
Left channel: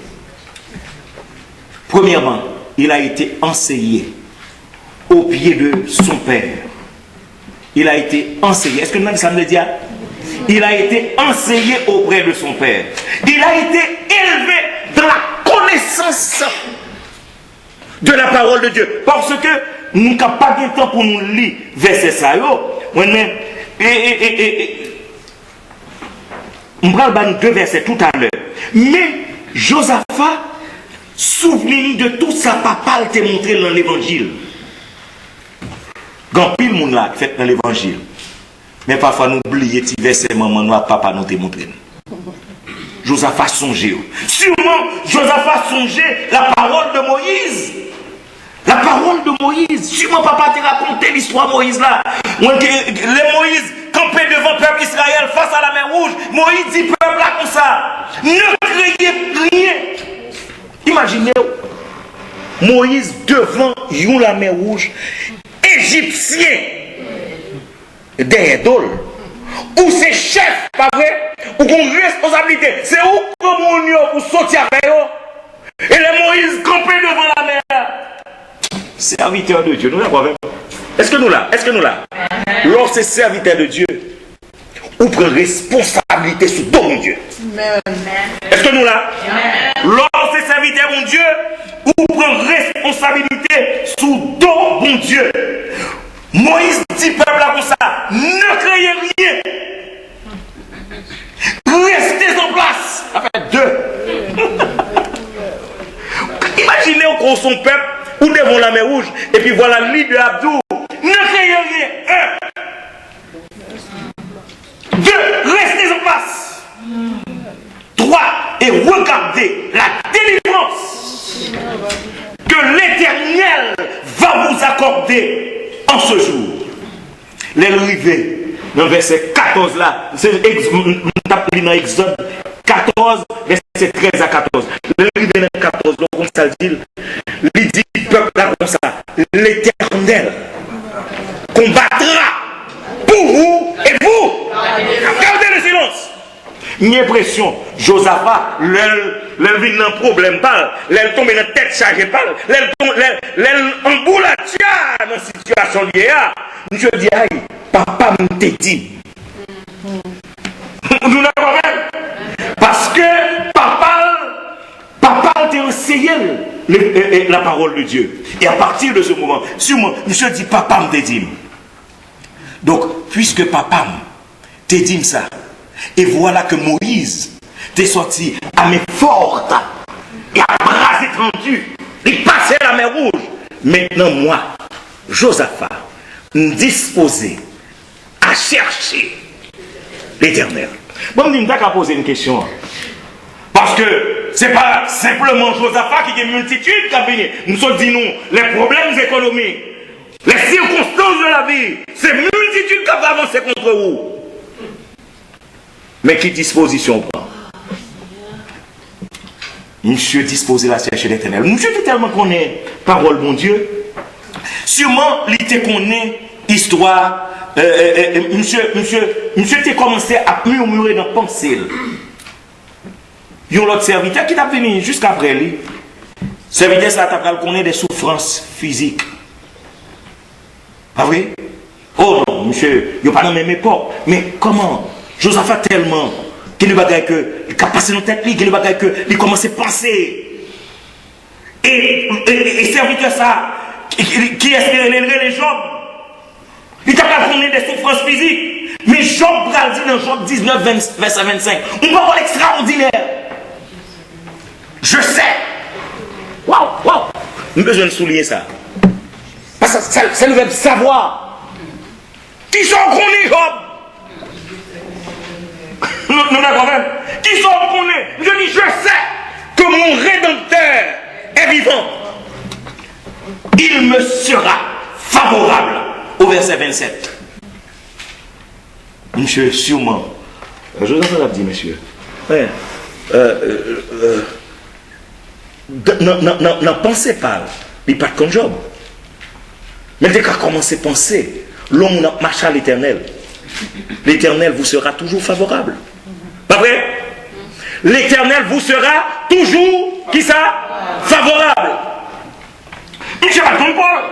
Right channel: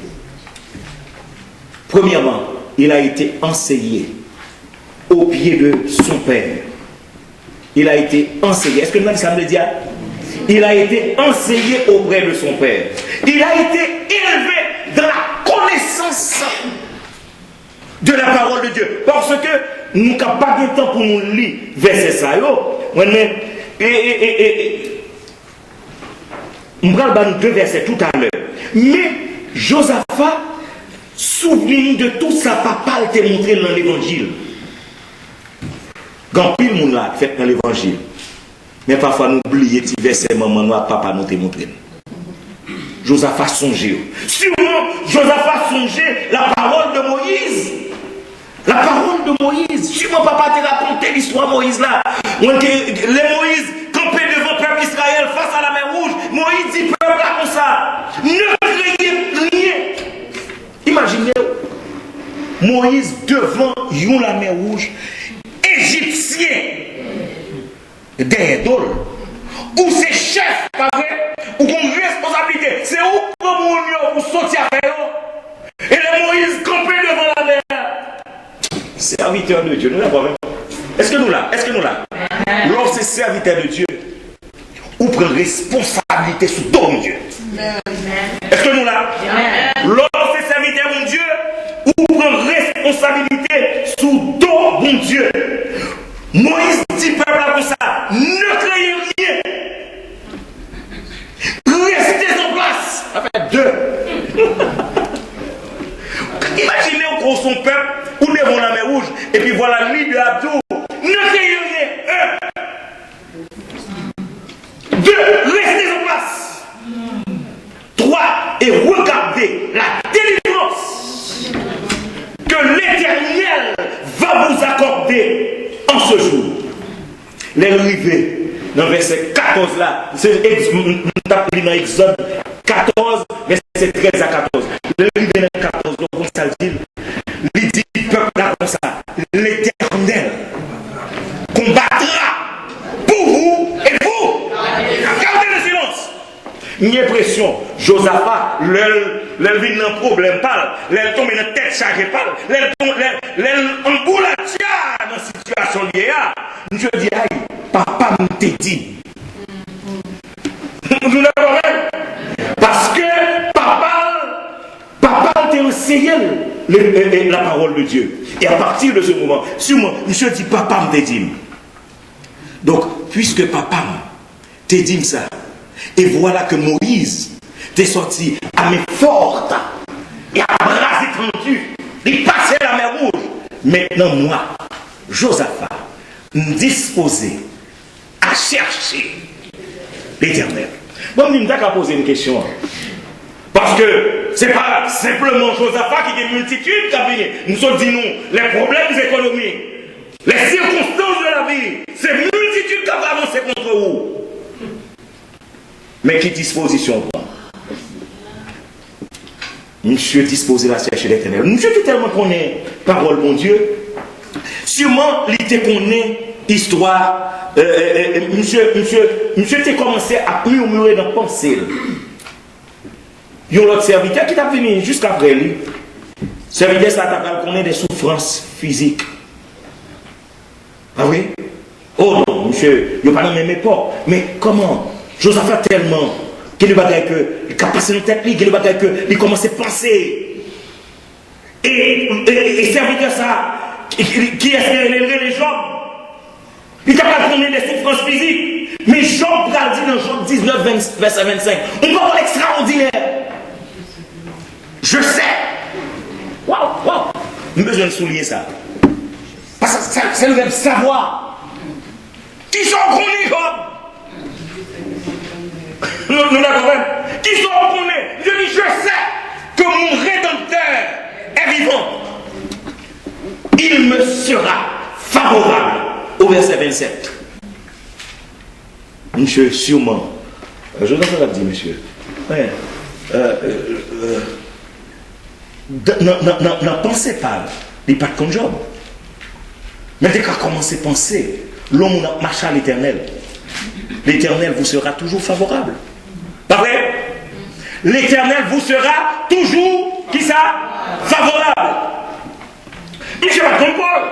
premièrement, il a été enseigné au pied de son père. Il a été enseigné. Est-ce que nous ça me le dit? Il a été enseigné auprès de son père. Il a été élevé dans la connaissance de la parole de Dieu. Parce que nous n'avons pas de temps pour nous lire verset ça. On va prendre 2 versets tout à l'heure. Mais Josaphat, souvenez-vous de tout ça, papa t'a montré dans l'évangile. Quand pile monde là fait dans l'évangile. Mais parfois nous oublions petit verset maman nous papa nous t'a montré. Josaphat songeait. Sûrement Josaphat songeait la parole de Moïse. La parole de Moïse. Sûrement papa t'a raconté l'histoire de Moïse là. Les Moïse campé devant le peuple Israël face à la mer rouge. Moïse dit peuple là comme ça. Ne craignez rien. Imaginez Moïse devant la mer rouge. Égyptien. Derrière d'ol. Ou c'est chef, pas vrai? Ou une responsabilité. C'est où comme pour sortir avec eux. Et les Moïse campé devant la mer. Serviteur de Dieu, nous l'avons. Est-ce que nous là? Est-ce que nous là? Lorsque c'est serviteur de Dieu, ou prend responsabilité sous ton Dieu. Est-ce que nous là? Lorsque c'est serviteur de Dieu, ou prend responsabilité sous ton bon Dieu. Moïse dit peuple là comme ça, ne craignez rien. Restez en place. Avec 2. Imaginez qu'on son peuple ou devant la mer rouge, et regardez la délivrance que l'Éternel va vous accorder en ce jour. Les rivets, dans le verset 14 là, c'est dans Exode 14, verset 13 à 14. Le rivet dans 14, donc ça le dit, il dit, peuple là comme ça, l'Éternel combattra pour vous et vous. Gardez le silence. J'ai l'impression, Josaphat, l'elle vit dans un problème, l'elle tombe dans la tête chargée, l'elle emboule dans la situation liée. Je dis, aïe, papa m'a dit. Nous n'avons même. Parce que papa t'a enseigné la parole de Dieu. Et à partir de ce moment, sûrement, je dis, papa m'a dit. Donc, puisque papa t'a dit ça, et voilà que Moïse t'est sorti à main forte et à bras étendus, il passait la mer Rouge. Maintenant, moi, Josaphat, disposé à chercher l'Éternel. Bon, je vais poser une question. Parce que ce n'est pas simplement Josaphat qui a une multitude qui a venu. Nous sommes dit nous, les problèmes économiques, les circonstances de la vie, c'est une multitude qui a avancé contre vous. Mais qui disposition prend? Monsieur disposé à chercher l'Éternel. Monsieur dit tellement qu'on est parole, mon Dieu. Sûrement, il te connaît histoire. Monsieur t'es commencé à murmurer dans la pensée. Il y a l'autre serviteur qui t'a venu jusqu'après lui. Serviteur, ça t'a connaît des souffrances physiques. Ah oui? Oh non, monsieur, il n'y a pas dans la même époque. Mais comment? Josaphat tellement qu'il ne bagaille que il a passé dans tête, qu'il ne bagaille que il commence à penser. Et serviteur ça, qui est-ce qui élèverait les Job? Il n'a pas donné des souffrances physiques. Mais Job a dit dans Job 19, verset 25, on va voir l'extraordinaire. Je sais. Waouh. Nous avons besoin de souligner ça. Parce que c'est le verbe savoir. Qui sont connus, Job? Nous l'avons même. Qui sont connus? Je dis, je sais que mon Rédempteur est vivant. Il me sera favorable. Au verset 27. Monsieur, sûrement. Je vous entends dire, monsieur. Ouais. N'en pensez pas. Il n'est pas comme Job. Mais dès qu'on commence à penser, l'homme marche à l'Éternel. L'Éternel vous sera toujours favorable. Pas vrai? L'Éternel vous sera toujours, qui ça? Favorable. Monsieur va comme Paul.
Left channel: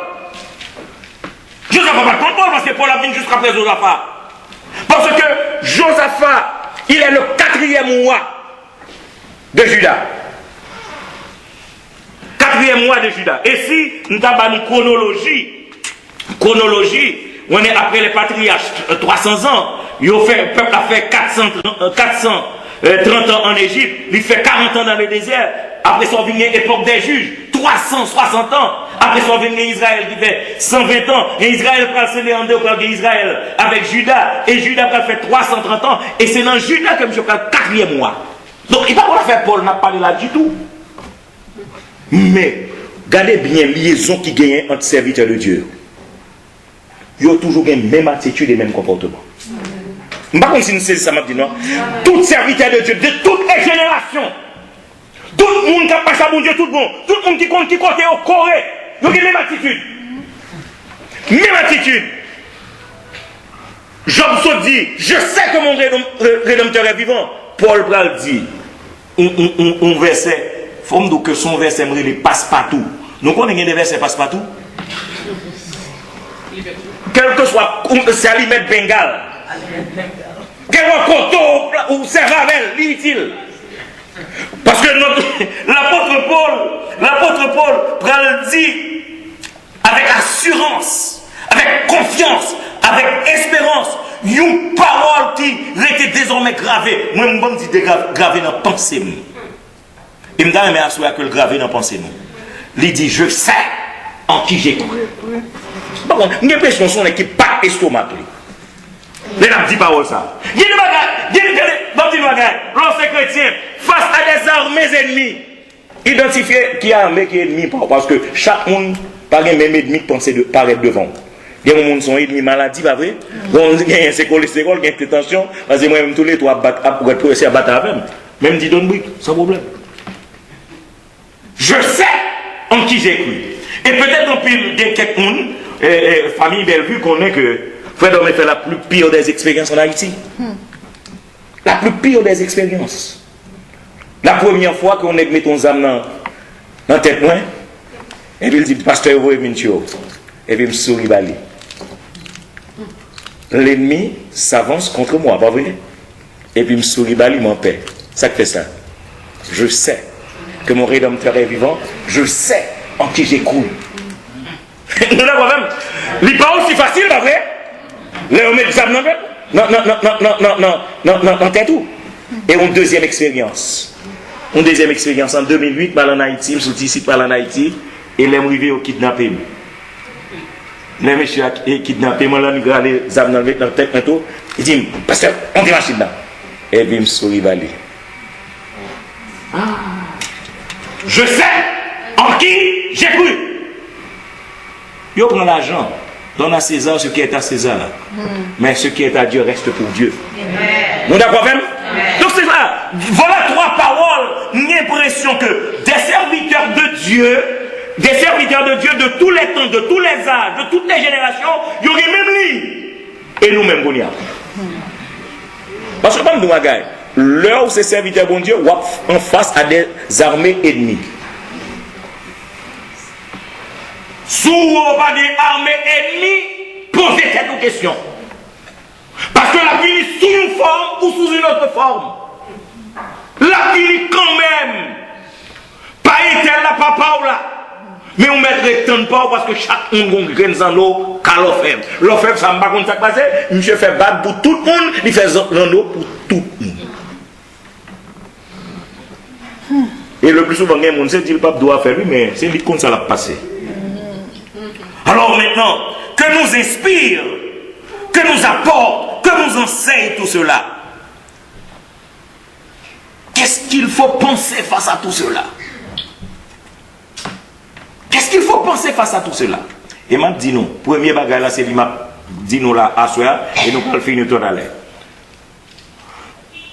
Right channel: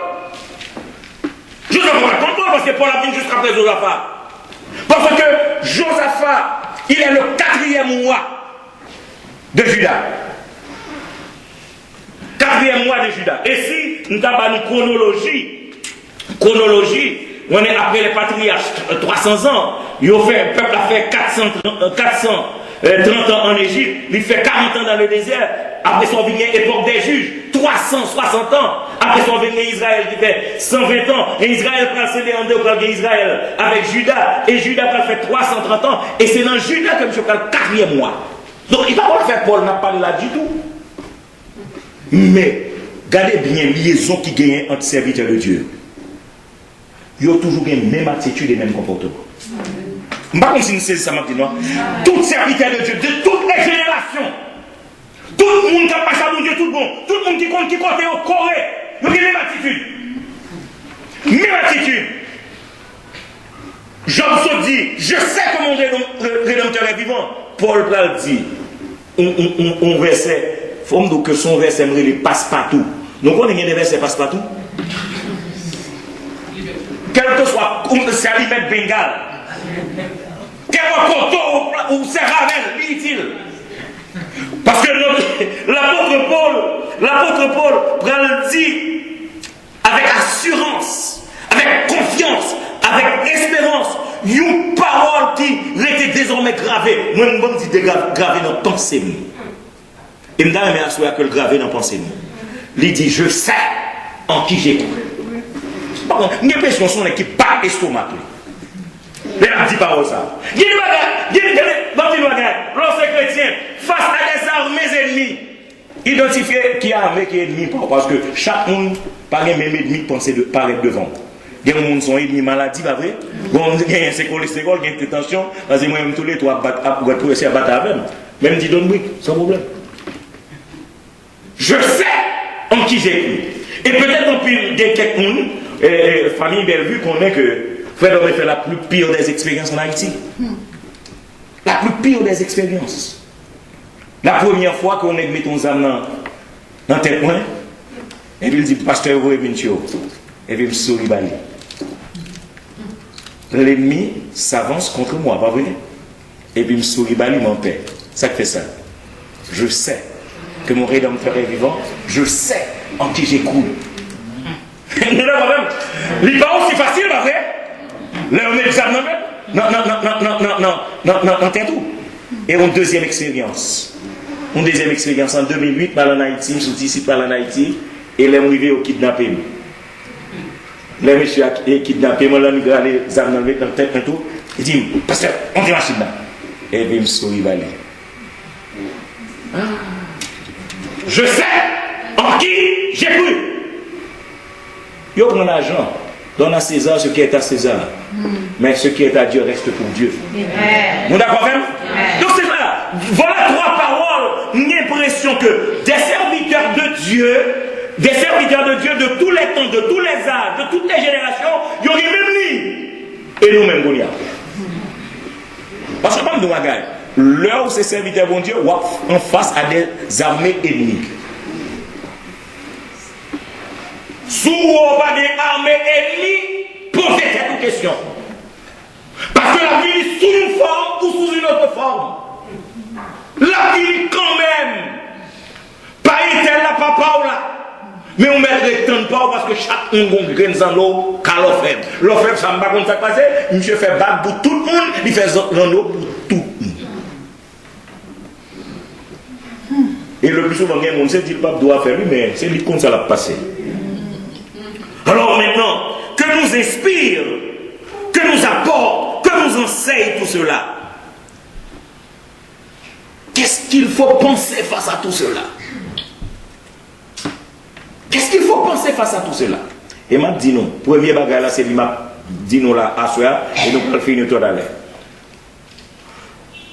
Je ne sais pas comme Paul parce que Paul a venu juste après Josaphat. Parce que Josaphat, il est le 4e mois de Juda. 4e mois de Juda. Et si nous avons une chronologie, on est après les patriarches 300 ans, le peuple a fait 430 ans en Égypte, il fait 40 ans dans le désert, après son venu époque des juges, 360 ans, après son venu Israël qui fait 120 ans, et Israël prend le en deux pour Israël avec Juda, et Juda a fait 330 ans, et c'est dans Juda que je parle 4e mois. Donc il ne va pas faire Paul n'a pas parlé là du tout. Mais, regardez bien la liaison qui gagne entre serviteurs de Dieu. Ils ont toujours la même attitude et le même comportement. Je ne sais pas comme si nous saisissons ça m'a dit non. Tout serviteur de Dieu, de toutes les générations, tout le monde qui a passé à mon Dieu, tout le monde qui compte au Corée, ils ont la même attitude. Même attitude. Job se dit, je sais que mon Rédempteur est vivant. Paul Bral dit, un verset, il faut que son verset me passe partout. Donc on a des versets passe partout. Quel que soit, c'est Alimet Bengal. Quel coteau ou c'est Ravel, dit-il. Parce que l'apôtre Paul dit avec assurance, avec confiance, avec espérance, une parole qui était désormais gravée. Moi, je me dis gravée dans la pensée. Et je me dis que le gravé dans la pensée. Il dit, je sais en qui j'ai cru. Par contre, j'ai l'impression que son équipe pas estomac. Les n'a dit pas ça. Il y a des bagages, lorsque chrétien, face à des armées ennemies, identifier qui est armé, qui est ennemi, parce que chaque monde n'a pas le même ennemi de penser de paraître devant. Il y a des gens qui sont ennemis maladie, pas vrai? Il y a un cholestérol, il y a une tension, parce que moi-même tous les trois pour être essayer à battre avec même. Même dit donne brique, sans problème. Je sais en qui j'ai cru. Et peut-être en plus de quelqu'un, famille Bellevue, connaît que Frère Domé fait la plus pire des expériences en Haïti. La plus pire des expériences. La première fois qu'on met ton âme dans la tête, et puis il dit, pasteur, vous venez, et puis il me sourit, l'ennemi s'avance contre moi, pas vrai? Et puis il me sourit, m'en paix. Ça fait ça. Je sais que mon Rédempteur est vivant, je sais en qui j'ai cru. Nous l'avons même. Il n'est pas aussi facile, pas vrai? Là, on met l'examen dans le non, tout. Et une deuxième expérience. Une deuxième expérience en 2008, mal en Haïti, je me suis dit, mal en Haïti, et les arrivés au kidnappé. Les messieurs ont kidnappé, moi, là, nous avons les examens dans le tête, il dit, pasteur, on dit machine là. Et puis, je me suis rivalé. Je sais en qui j'ai cru. Il prend l'argent, donne à César ce qui est à César. Mais ce qui est à Dieu reste pour Dieu. Nous d'accord même? Donc c'est ça. Voilà trois paroles. Une impression que des serviteurs de Dieu de tous les temps, de tous les âges, de toutes les générations, il y aurait même lui. Et nous-mêmes, on y a. Parce que comme nous, l'heure où ces serviteurs de Dieu sont en face à des armées ennemies. Sous pas des armées ennemies, posez cette question. Parce que la vie est sous une forme ou sous une autre forme. La vie est quand même. Pas est-elle la papa ou là. Mais on mettrait tant de pas parce que chaque monde graine en eau, qu'à l'offre. L'offre, ça ne va pas comme ça passer. Monsieur fait battre pour tout le monde, il fait en eau pour tout le monde. Et le plus souvent, il y a des gens qui disent que le pape doit faire lui, mais c'est lui comme ça l'a passé. Alors maintenant, que nous inspire, que nous apporte, que nous enseigne tout cela. Qu'est-ce qu'il faut penser face à tout cela? Qu'est-ce qu'il faut penser face à tout cela? Et m'a dit nous, premier bagage là, c'est lui m'a dit nous là, à soi, et nous allons le finir tout à l'heure.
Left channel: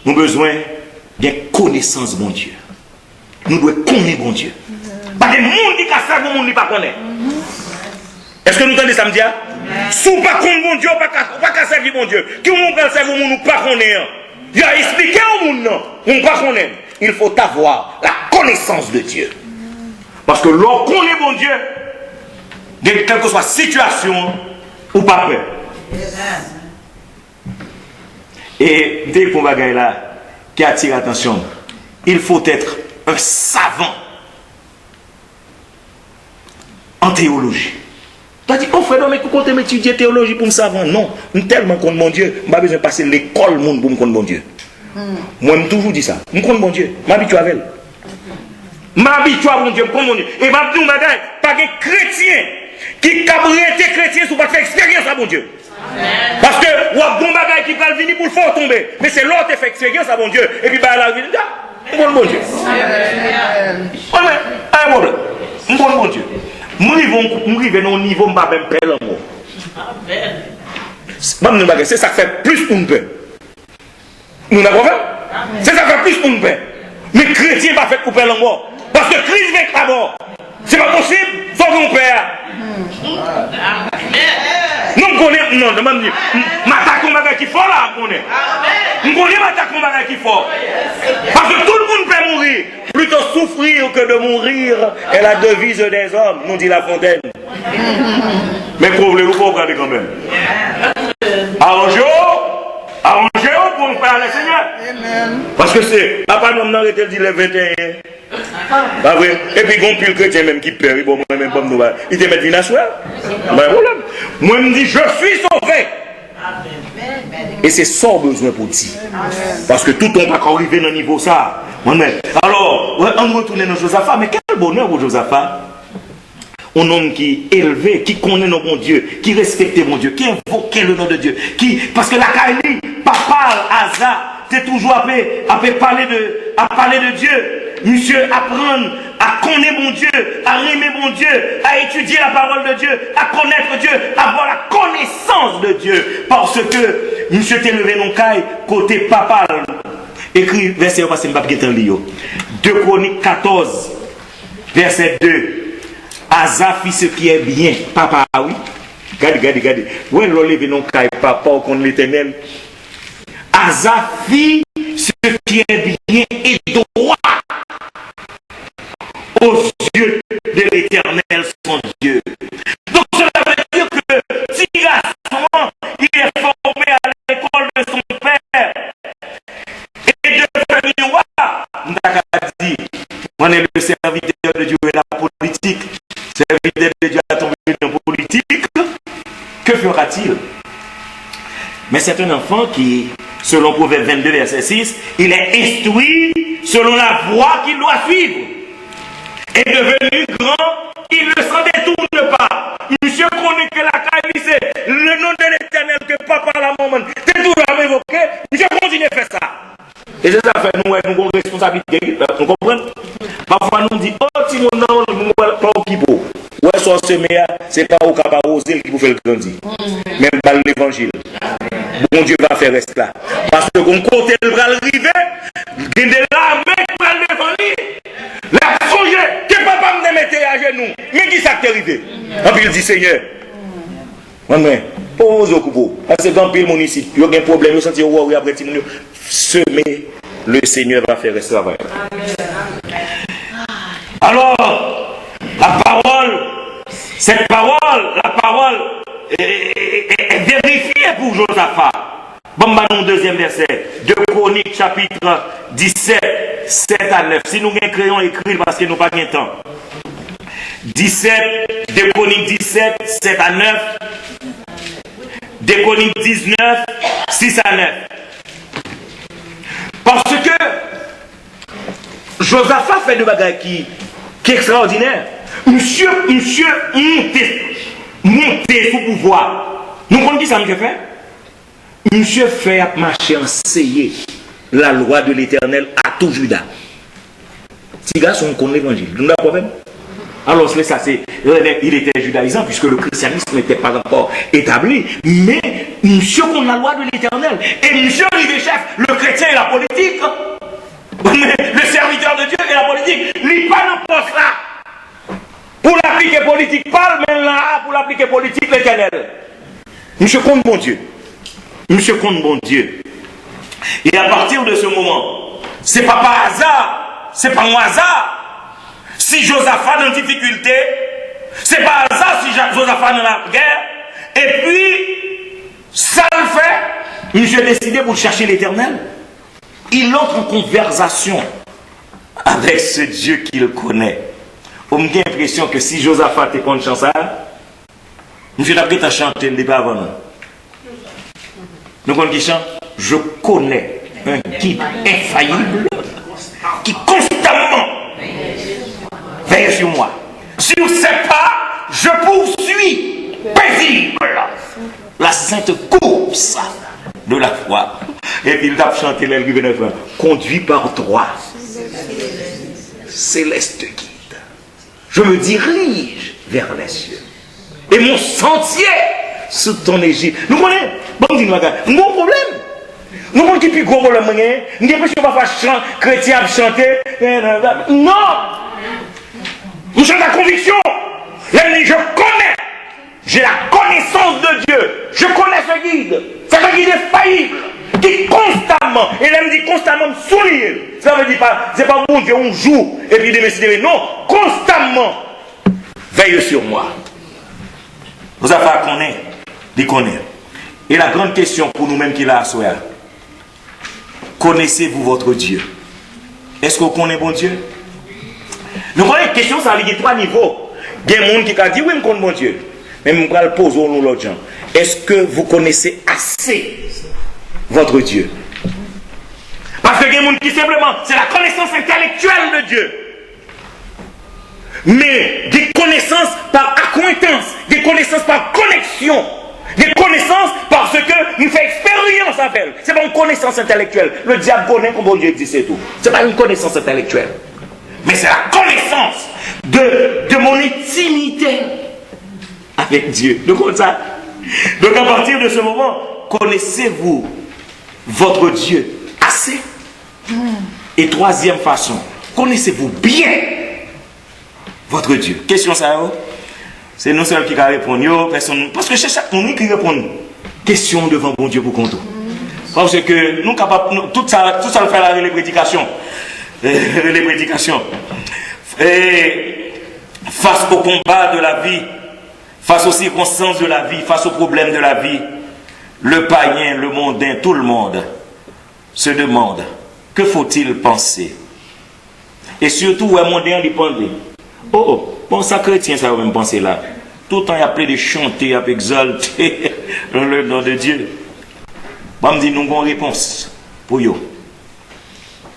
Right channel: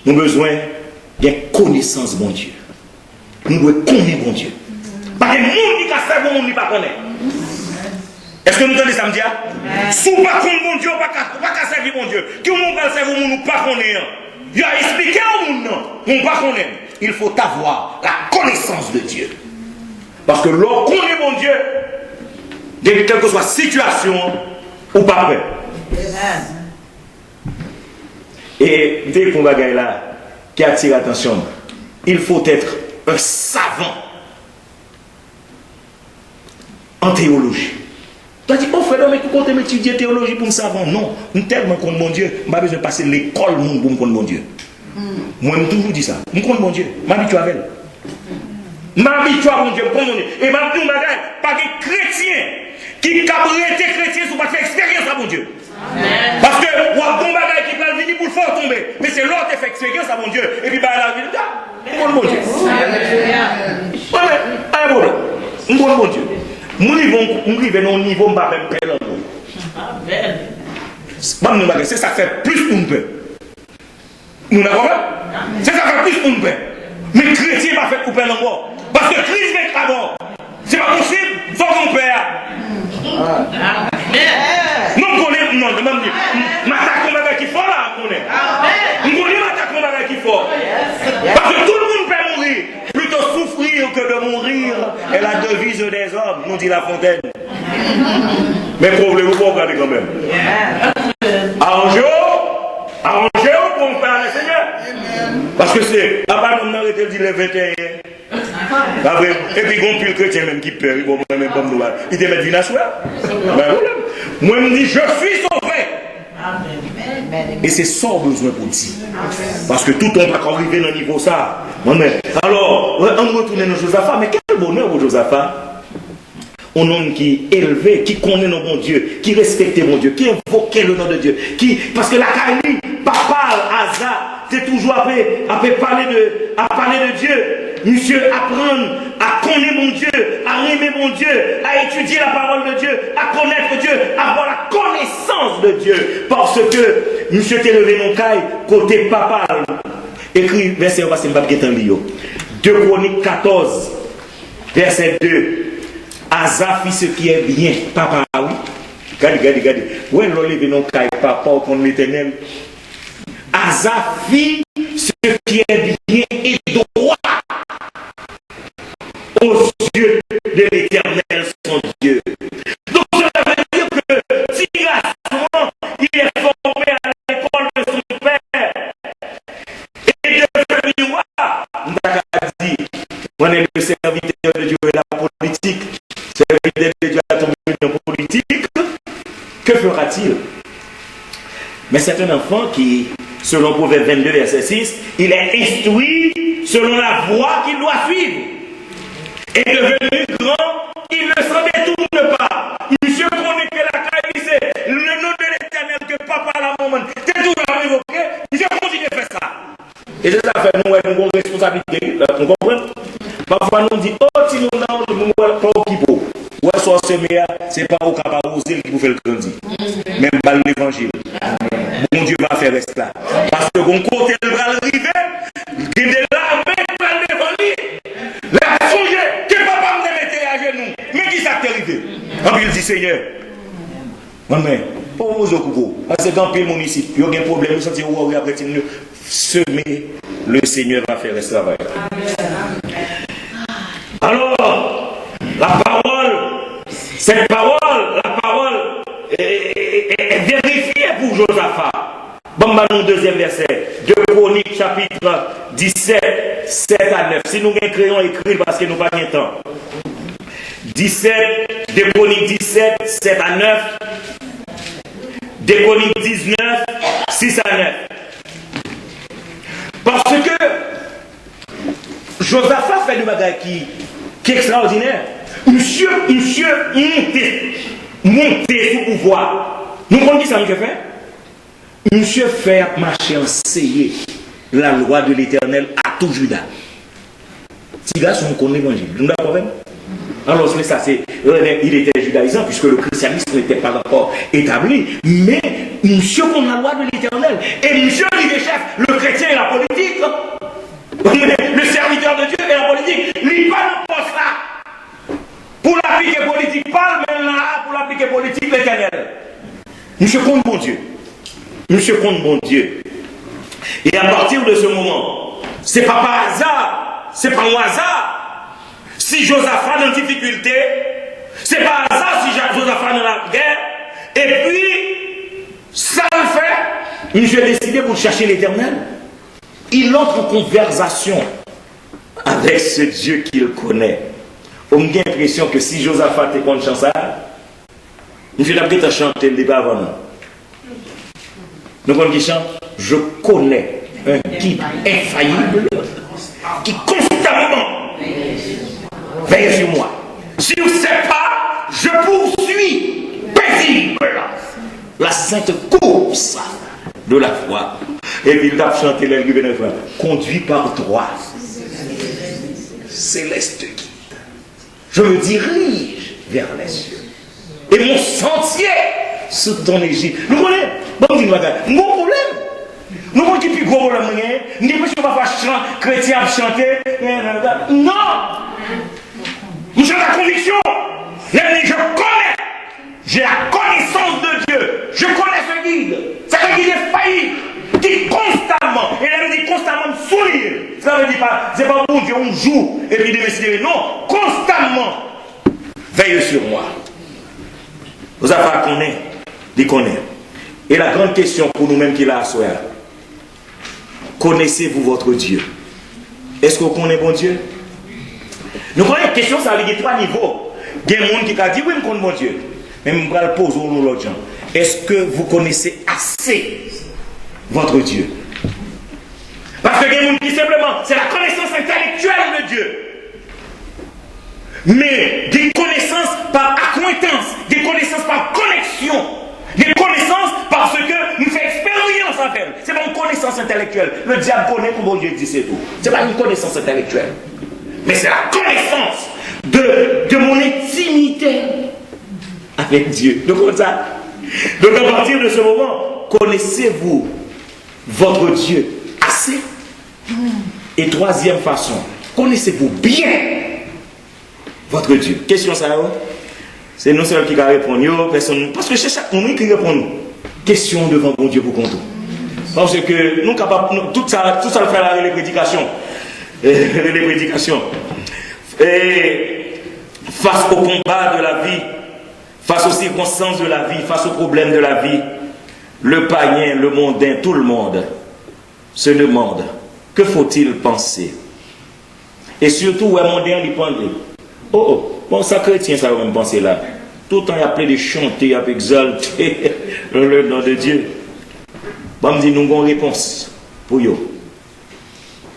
Nous avons besoin d'une connaissance bon Dieu. Nous devons connaître bon Dieu. Parce que le monde qui a ça, le monde ne pas connaître. Est-ce que nous entendons ça me dire? Si vous ne connaissez pas bon Dieu, vous ne pouvez pas servir bon Dieu. Qui vous ne servir bon Dieu, nous ne pas connaître. Il a expliqué au monde, non. On ne pas connaître. Il faut avoir la connaissance de Dieu. Parce que l'on connaît bon Dieu, de quelle que soit la situation, ou pas prêt. Et dès qu'on va gagner là, qui attire l'attention, il faut être un savant en théologie. Tu as dit, oh frère, mais tu comptes m'étudier théologie pour me savant? Non, je suis tellement contre mon Dieu, je n'ai pas besoin de passer l'école pour me connaître mon Dieu. Moi, je toujours dit ça. Je connais mon Dieu, je m'habitue avec elle. M'habitue à mon Dieu, je connais mon Dieu. Et je dis, pas de chrétien qui a été chrétien sous pas faire expérience à mon Dieu. Parce que, ou a bon bagage qui peut venir pour le faire tomber. Mais c'est l'autre qui fait expérience à mon Dieu. Et puis, bah, là, il dit, je connais mon Dieu. Pas de problème. Je connais mon Dieu. Nous arrivons au niveau, je ne vais pas même perdre l'amour. C'est ça qui fait plus pour nous. Nous n'avons pas. C'est ça qui fait plus pour nous. Mais les chrétiens ne sont pas fait couper l'amour. Parce que Christ vient la mort. C'est pas possible, il faut qu'on perd. Nous connaissons, non, je me dis, m'attaquons bagage qui fort là, on connaît. Nous connaissons m'attaquons bagage qui fort. Parce que tout le monde peut mourir. Plutôt souffrir que de mourir est la devise des hommes, nous dit La Fontaine. Mais voulez-vous pas regarder quand même? Arrangez-vous pour nous faire le Seigneur. Parce que c'est, à part nous, on a dit le 21. Pas vrai? Et puis, bon, puis le chrétien même qui perd, bon, même pas nous, il te met du national. Moi, je me dis, je suis sauvé. Et c'est ça besoin pour dire. Parce que tout le monde va arriver dans le niveau ça. Alors, on retourne dans Josaphat. Mais quel bonheur pour Josaphat. un homme qui est élevé, qui connaît nos bons Dieu, qui respecte mon Dieu, qui invoquait le nom de Dieu, parce que la Kaili, papa, Asa, c'est toujours à parler de Dieu. Monsieur, apprendre à connaître mon Dieu, à aimer mon Dieu, à étudier la parole de Dieu, à connaître Dieu, à avoir la connaissance de Dieu. Parce que monsieur t'est levé non caille, côté papa. Écrit verset, on va se mettre en lio. 2 Chroniques 14, verset 2. Asa fit ce qui est bien. Papa, oui. Regardez. Où est-ce que levé non caille, papa, au compte l'éternel? Asa fit ce qui est bien et droit aux yeux de l'Éternel son Dieu. Donc cela veut dire que si garçon, il est formé à l'école de son père et devenu roi, on a dit, on est le serviteur de Dieu et la politique. Serviteur de Dieu a tombé dans la politique. Que fera-t-il? Mais c'est un enfant qui, selon Proverbe 22, verset 6, il est instruit selon la voie qu'il doit suivre. Et devenu grand, il ne s'en détourne pas. Monsieur connaît que la caille, c'est le nom de l'Éternel que papa la maman. C'est tout là évoqué. Monsieur continue à faire ça. Et c'est ça fait nous avons une responsabilité. Vous comprenez? Parfois nous dit, oh, si nous n'avons pas qui beau. Ouais, soit semé, c'est pas au capable oser qui vous fait le grandir. Même pas l'évangile. Mon Dieu va faire cela. Parce que mon côté le bras arrivé, il est là, mais il va l'évangile. La songé, que papa me mettait à genoux. Mais qui s'est arrivé? Et puis il dit, Seigneur, pose au coupeau. Parce que dans le municipal, il y a un problème, il y a un après semer, le Seigneur va faire ce travail. Alors, la parole est vérifiée pour Josaphat. Bon, bah, nous, deuxième verset, 2 Chroniques, chapitre 17, 7 à 9. Si nous avons un crayon écrit, parce que nous n'avons pas de temps. 2 Chroniques 17, 7 à 9. 2 Chroniques 19, 6 à 9. Parce que Josaphat fait des bagages qui est extraordinaire. Monsieur monté sous pouvoir. Nous comprenons qui ça, monsieur fait? Monsieur fait marcher enseigner la loi de l'Éternel à tout Juda. Si gars sont contre l'évangile, nous n'avons pas même. Alors ça c'est, il était judaïsant puisque le christianisme n'était pas encore établi. Mais monsieur contre la loi de l'Éternel. Et monsieur il est chef, le chrétien et la politique. Le serviteur de Dieu et la politique. Il pas dans poste là. Pour l'appliquer politique, parle même là pour l'appliquer politique l'Éternel. Monsieur compte bon Dieu. Monsieur compte bon Dieu. Et à partir de ce moment, c'est pas par hasard, c'est pas un hasard. Si Josaphat est en difficulté, c'est pas hasard si Josaphat est dans la guerre. Et puis, ça le fait, monsieur a décidé pour chercher l'Éternel. Il entre en conversation avec ce Dieu qu'il connaît. On me dit l'impression que si Josaphat est contre chanson, monsieur n'a pas chanté le débat avant. Donc on dit chante, je connais un guide infaillible qui constamment veille sur moi. Si vous ne savez pas, je poursuis paisible la sainte course de la foi. Et puis il a chanté l'air conduit par droit. Céleste guide. Je me dirige vers les cieux. Et mon sentier sous ton Égypte. Nous connaissons, bon, dis-nous, mon problème. Nous connaissons qui plus gros problème, nous ne pouvons pas faire chrétien chanter. Non! Nous sommes la conviction. Je connais. J'ai la connaissance de Dieu. Je connais ce guide. C'est un guide infaillible qui constamment, et là, il dit constamment sourire. Ça veut dire pas, c'est pas bon Dieu, on joue et puis décider. Non, constamment, veille sur moi. Vous avez à connaître, d'y connaître. Et la grande question pour nous-mêmes qui l'a à soi, connaissez-vous votre Dieu? Est-ce que vous connaissez bon Dieu? Nous connaissons la question, ça a 3 niveaux. Il y a des gens qui a dit oui, je connais mon Dieu. Mais je vais le poser aux l'autre gens. Est-ce que vous connaissez assez votre Dieu? Parce que il y a des gens qui simplement, c'est la connaissance intellectuelle de Dieu. mais des connaissances par accointance, des connaissances par connexion, des connaissances parce que nous faisons expérience avec elle. Ce n'est pas une connaissance intellectuelle. Le diable connaît comment Dieu existe et tout. Ce n'est pas une connaissance intellectuelle. Mais c'est la connaissance de mon intimité avec Dieu. Donc, comme ça. Donc, à partir de ce moment, connaissez-vous votre Dieu assez? Et troisième façon, connaissez-vous bien votre Dieu? Question ça, c'est nous seuls qui répondons, personne. Parce que c'est chaque monde qui répond. Question devant mon Dieu pour compter. Parce que nous capables, tout ça le fait les prédications. Les prédications. Et face au combat de la vie, face aux circonstances de la vie, face aux problèmes de la vie, le païen, le mondain, tout le monde se demande que faut-il penser. Et surtout, un mondain lui pendait. Bon, ça chrétien, ça va même penser là. Tout le temps, il y a plein de chanter, il y a exalter le nom de Dieu. Bon, me dit, nous avons une réponse pour eux.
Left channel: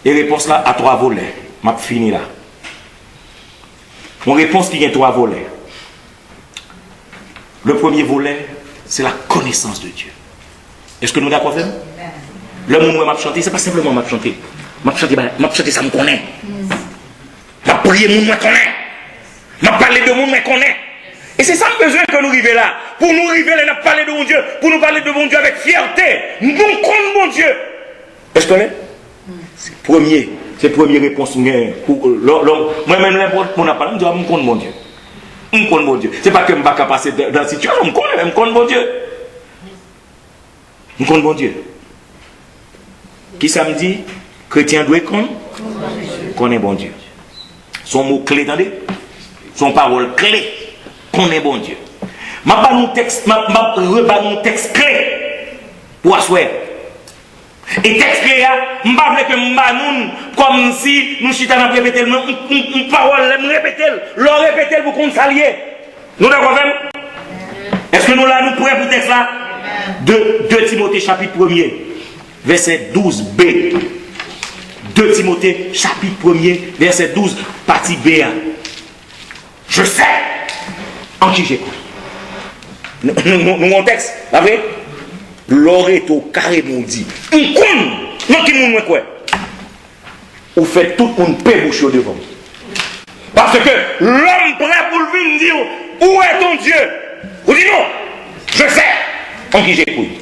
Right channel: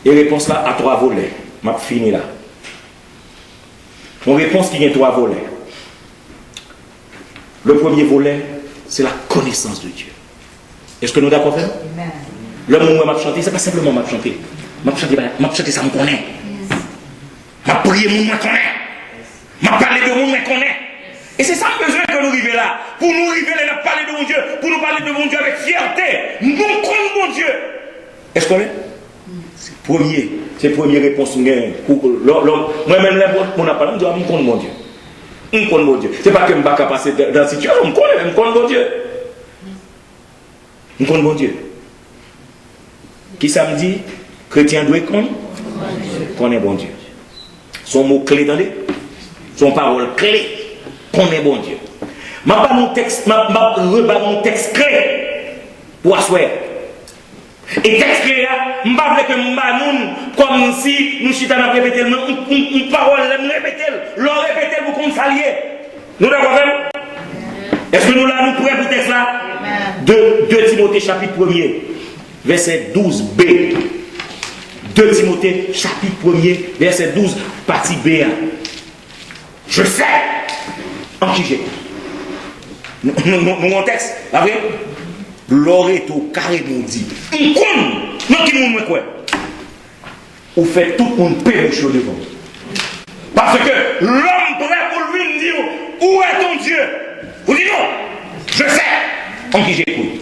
Et réponse là à 3 volets. Je vais finir là. Une réponse qui a 3 volets. Le premier volet, c'est la connaissance de Dieu. Est-ce que nous sommes d'accord avec ça? Le moment où je chanté, ce n'est pas simplement je chanter. Je chanter, ça me connaît. Je prier, je me connaît. Je parler de mon, je connaît. Et c'est ça le besoin que nous arrivons là. Pour nous arriver là, nous parler de mon Dieu. Pour nous parler de mon Dieu avec fierté. Nous connaissons mon Dieu. Est-ce que vous connaissez? C'est la première réponse. Moi-même, on a parlé, je connais mon Dieu. Je connais mon Dieu. Ce n'est pas que je ne vais pas passer dans la situation, je connais mon Dieu. Je connais mon Dieu. Qui ça me dit? Chrétien doit connaître bon Dieu. Son mot clé, attendez? Son parole clé. Connaît bon Dieu. Je vais rebattre mon texte clé pour asseoir. Et texte clé, je ne vais pas que je comme si nous chitons à répéter une parole, nous répéter, leur répéter pour qu'on s'allie. Nous d'accord même? Est-ce que nous là, nous prêts pour le texte là? 2 Timothée chapitre 1er, verset 12b. 2 Timothée chapitre 1er, verset 12, partie B. Je sais en qui j'écoute. Nous avons un texte, vous savez? Loreto carré nous dit. On compte, non qui nous quoi? Vous faites tout le monde pérouche devant. Parce que l'homme prêt pour venir dire où est ton Dieu? Vous dites non, je sais en qui j'écoute.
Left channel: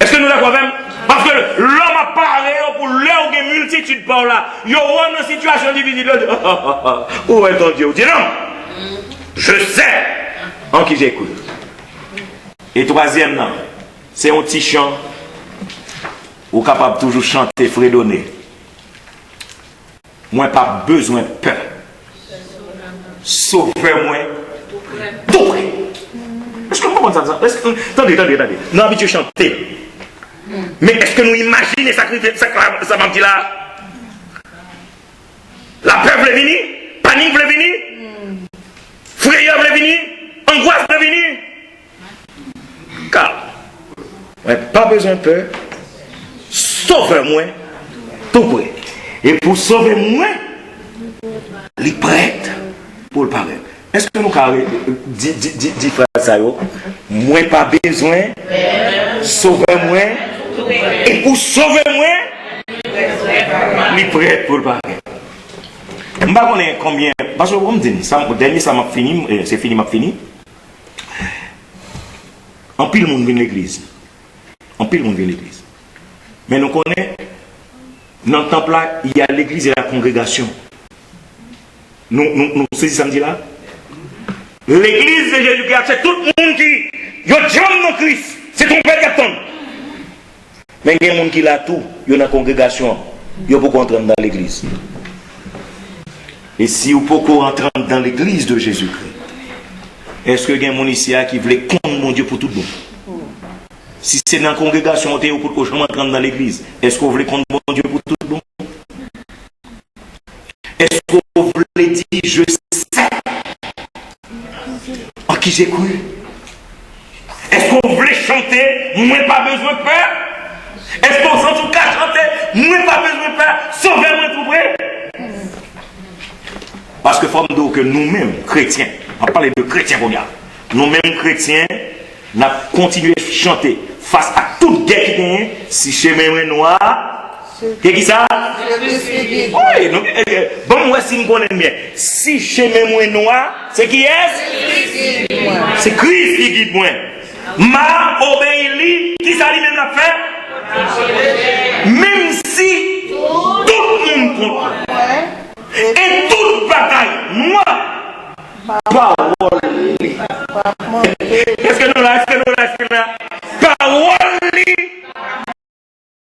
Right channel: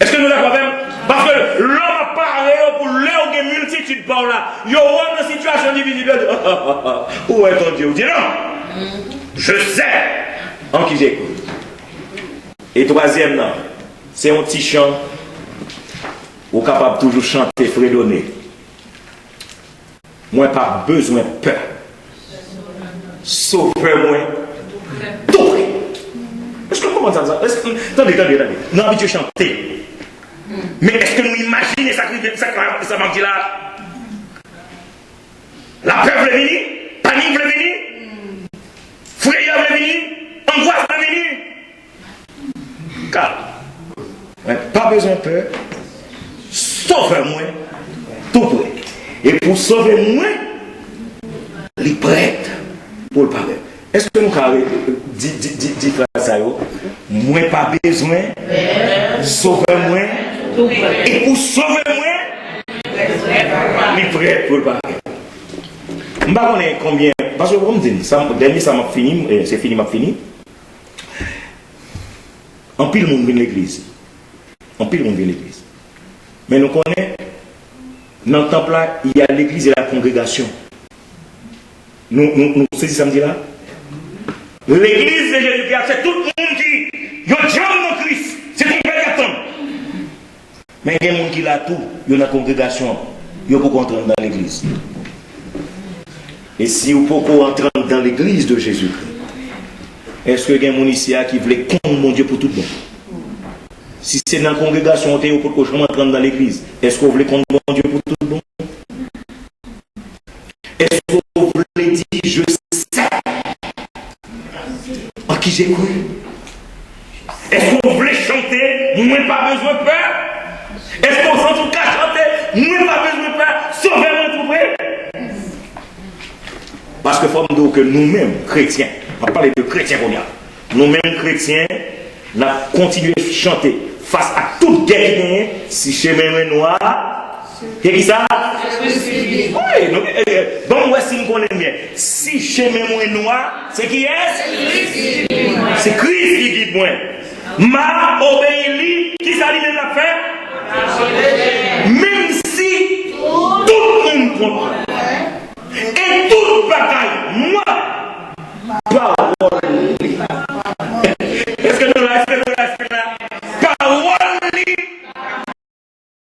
Est-ce que nous l'avons même? Parce que l'homme a parlé pour l'heure de multitude par là. Il y aura une situation difficile. Où est ton Dieu? Vous dites non, je sais en qui j'écoute. Et troisième, non. C'est un petit chant ou capable de toujours chanter, fredonner. Moi, pas besoin de peur. Sauvez-moi tout près. Est-ce que vous comprenez ça? Attendez. Nous avons habitué à chanter. Mais est-ce que nous imaginons ça m'a dit là? La peur voulait venir, panique voulait venir, frayeur voulait venir, angoisse voulait venir. Car ouais, pas besoin de peur. Sauve-moi tout près. Et pour sauver moi, les prêtres pour le parler. Est-ce que nous avons dit ça? Moi pas besoin. Sauve-moi. Et pour sauver moi, les prêtres pour le parler. Je ne sais pas combien. Parce que vous me dites, dernier ça m'a fini, c'est fini, m'a fini. En pile monde vient l'église. En pile monde vient l'église. Mais nous connaissons, dans le temple là, il y a l'église et la congrégation. Nous saisissons samedi là. L'église de Jésus-Christ, c'est tout le monde qui est dans Christ. C'est ton père qui attend. Mais il y a des gens qui là tout, il y a une congrégation, il y a beaucoup entrer dans l'église. Et si vous pouvez entrer dans l'église de Jésus-Christ, est-ce que il y a des gens ici qui veulent contre mon Dieu pour tout le monde? Si c'est dans la congrégation, vous pouvez entrer dans l'église, est-ce que vous voulez contre mon Dieu pour tout le monde? Est-ce que vous voulez dire, je sais en qui j'ai cru? Est-ce que vous voulez chanter, moi pas besoin de peur? Est-ce qu'on sent tout cas chanter, moi pas besoin de peur? Sauvez-moi tout près. Parce que faut me dire que nous-mêmes, chrétiens, on va parler de chrétiens, nous-mêmes chrétiens, nous avons continué à chanter face à toute guerre qui est, si chemin est noir, qu'est-ce que ça? Oui, bon, moi, si nous connaissons bien, si chemin est noir, c'est qui est? C'est Christ qui guide moi. M'a obéi, qui ça lui-même a fait? Même si tout le monde comprend. Et toute bataille, moi, parole.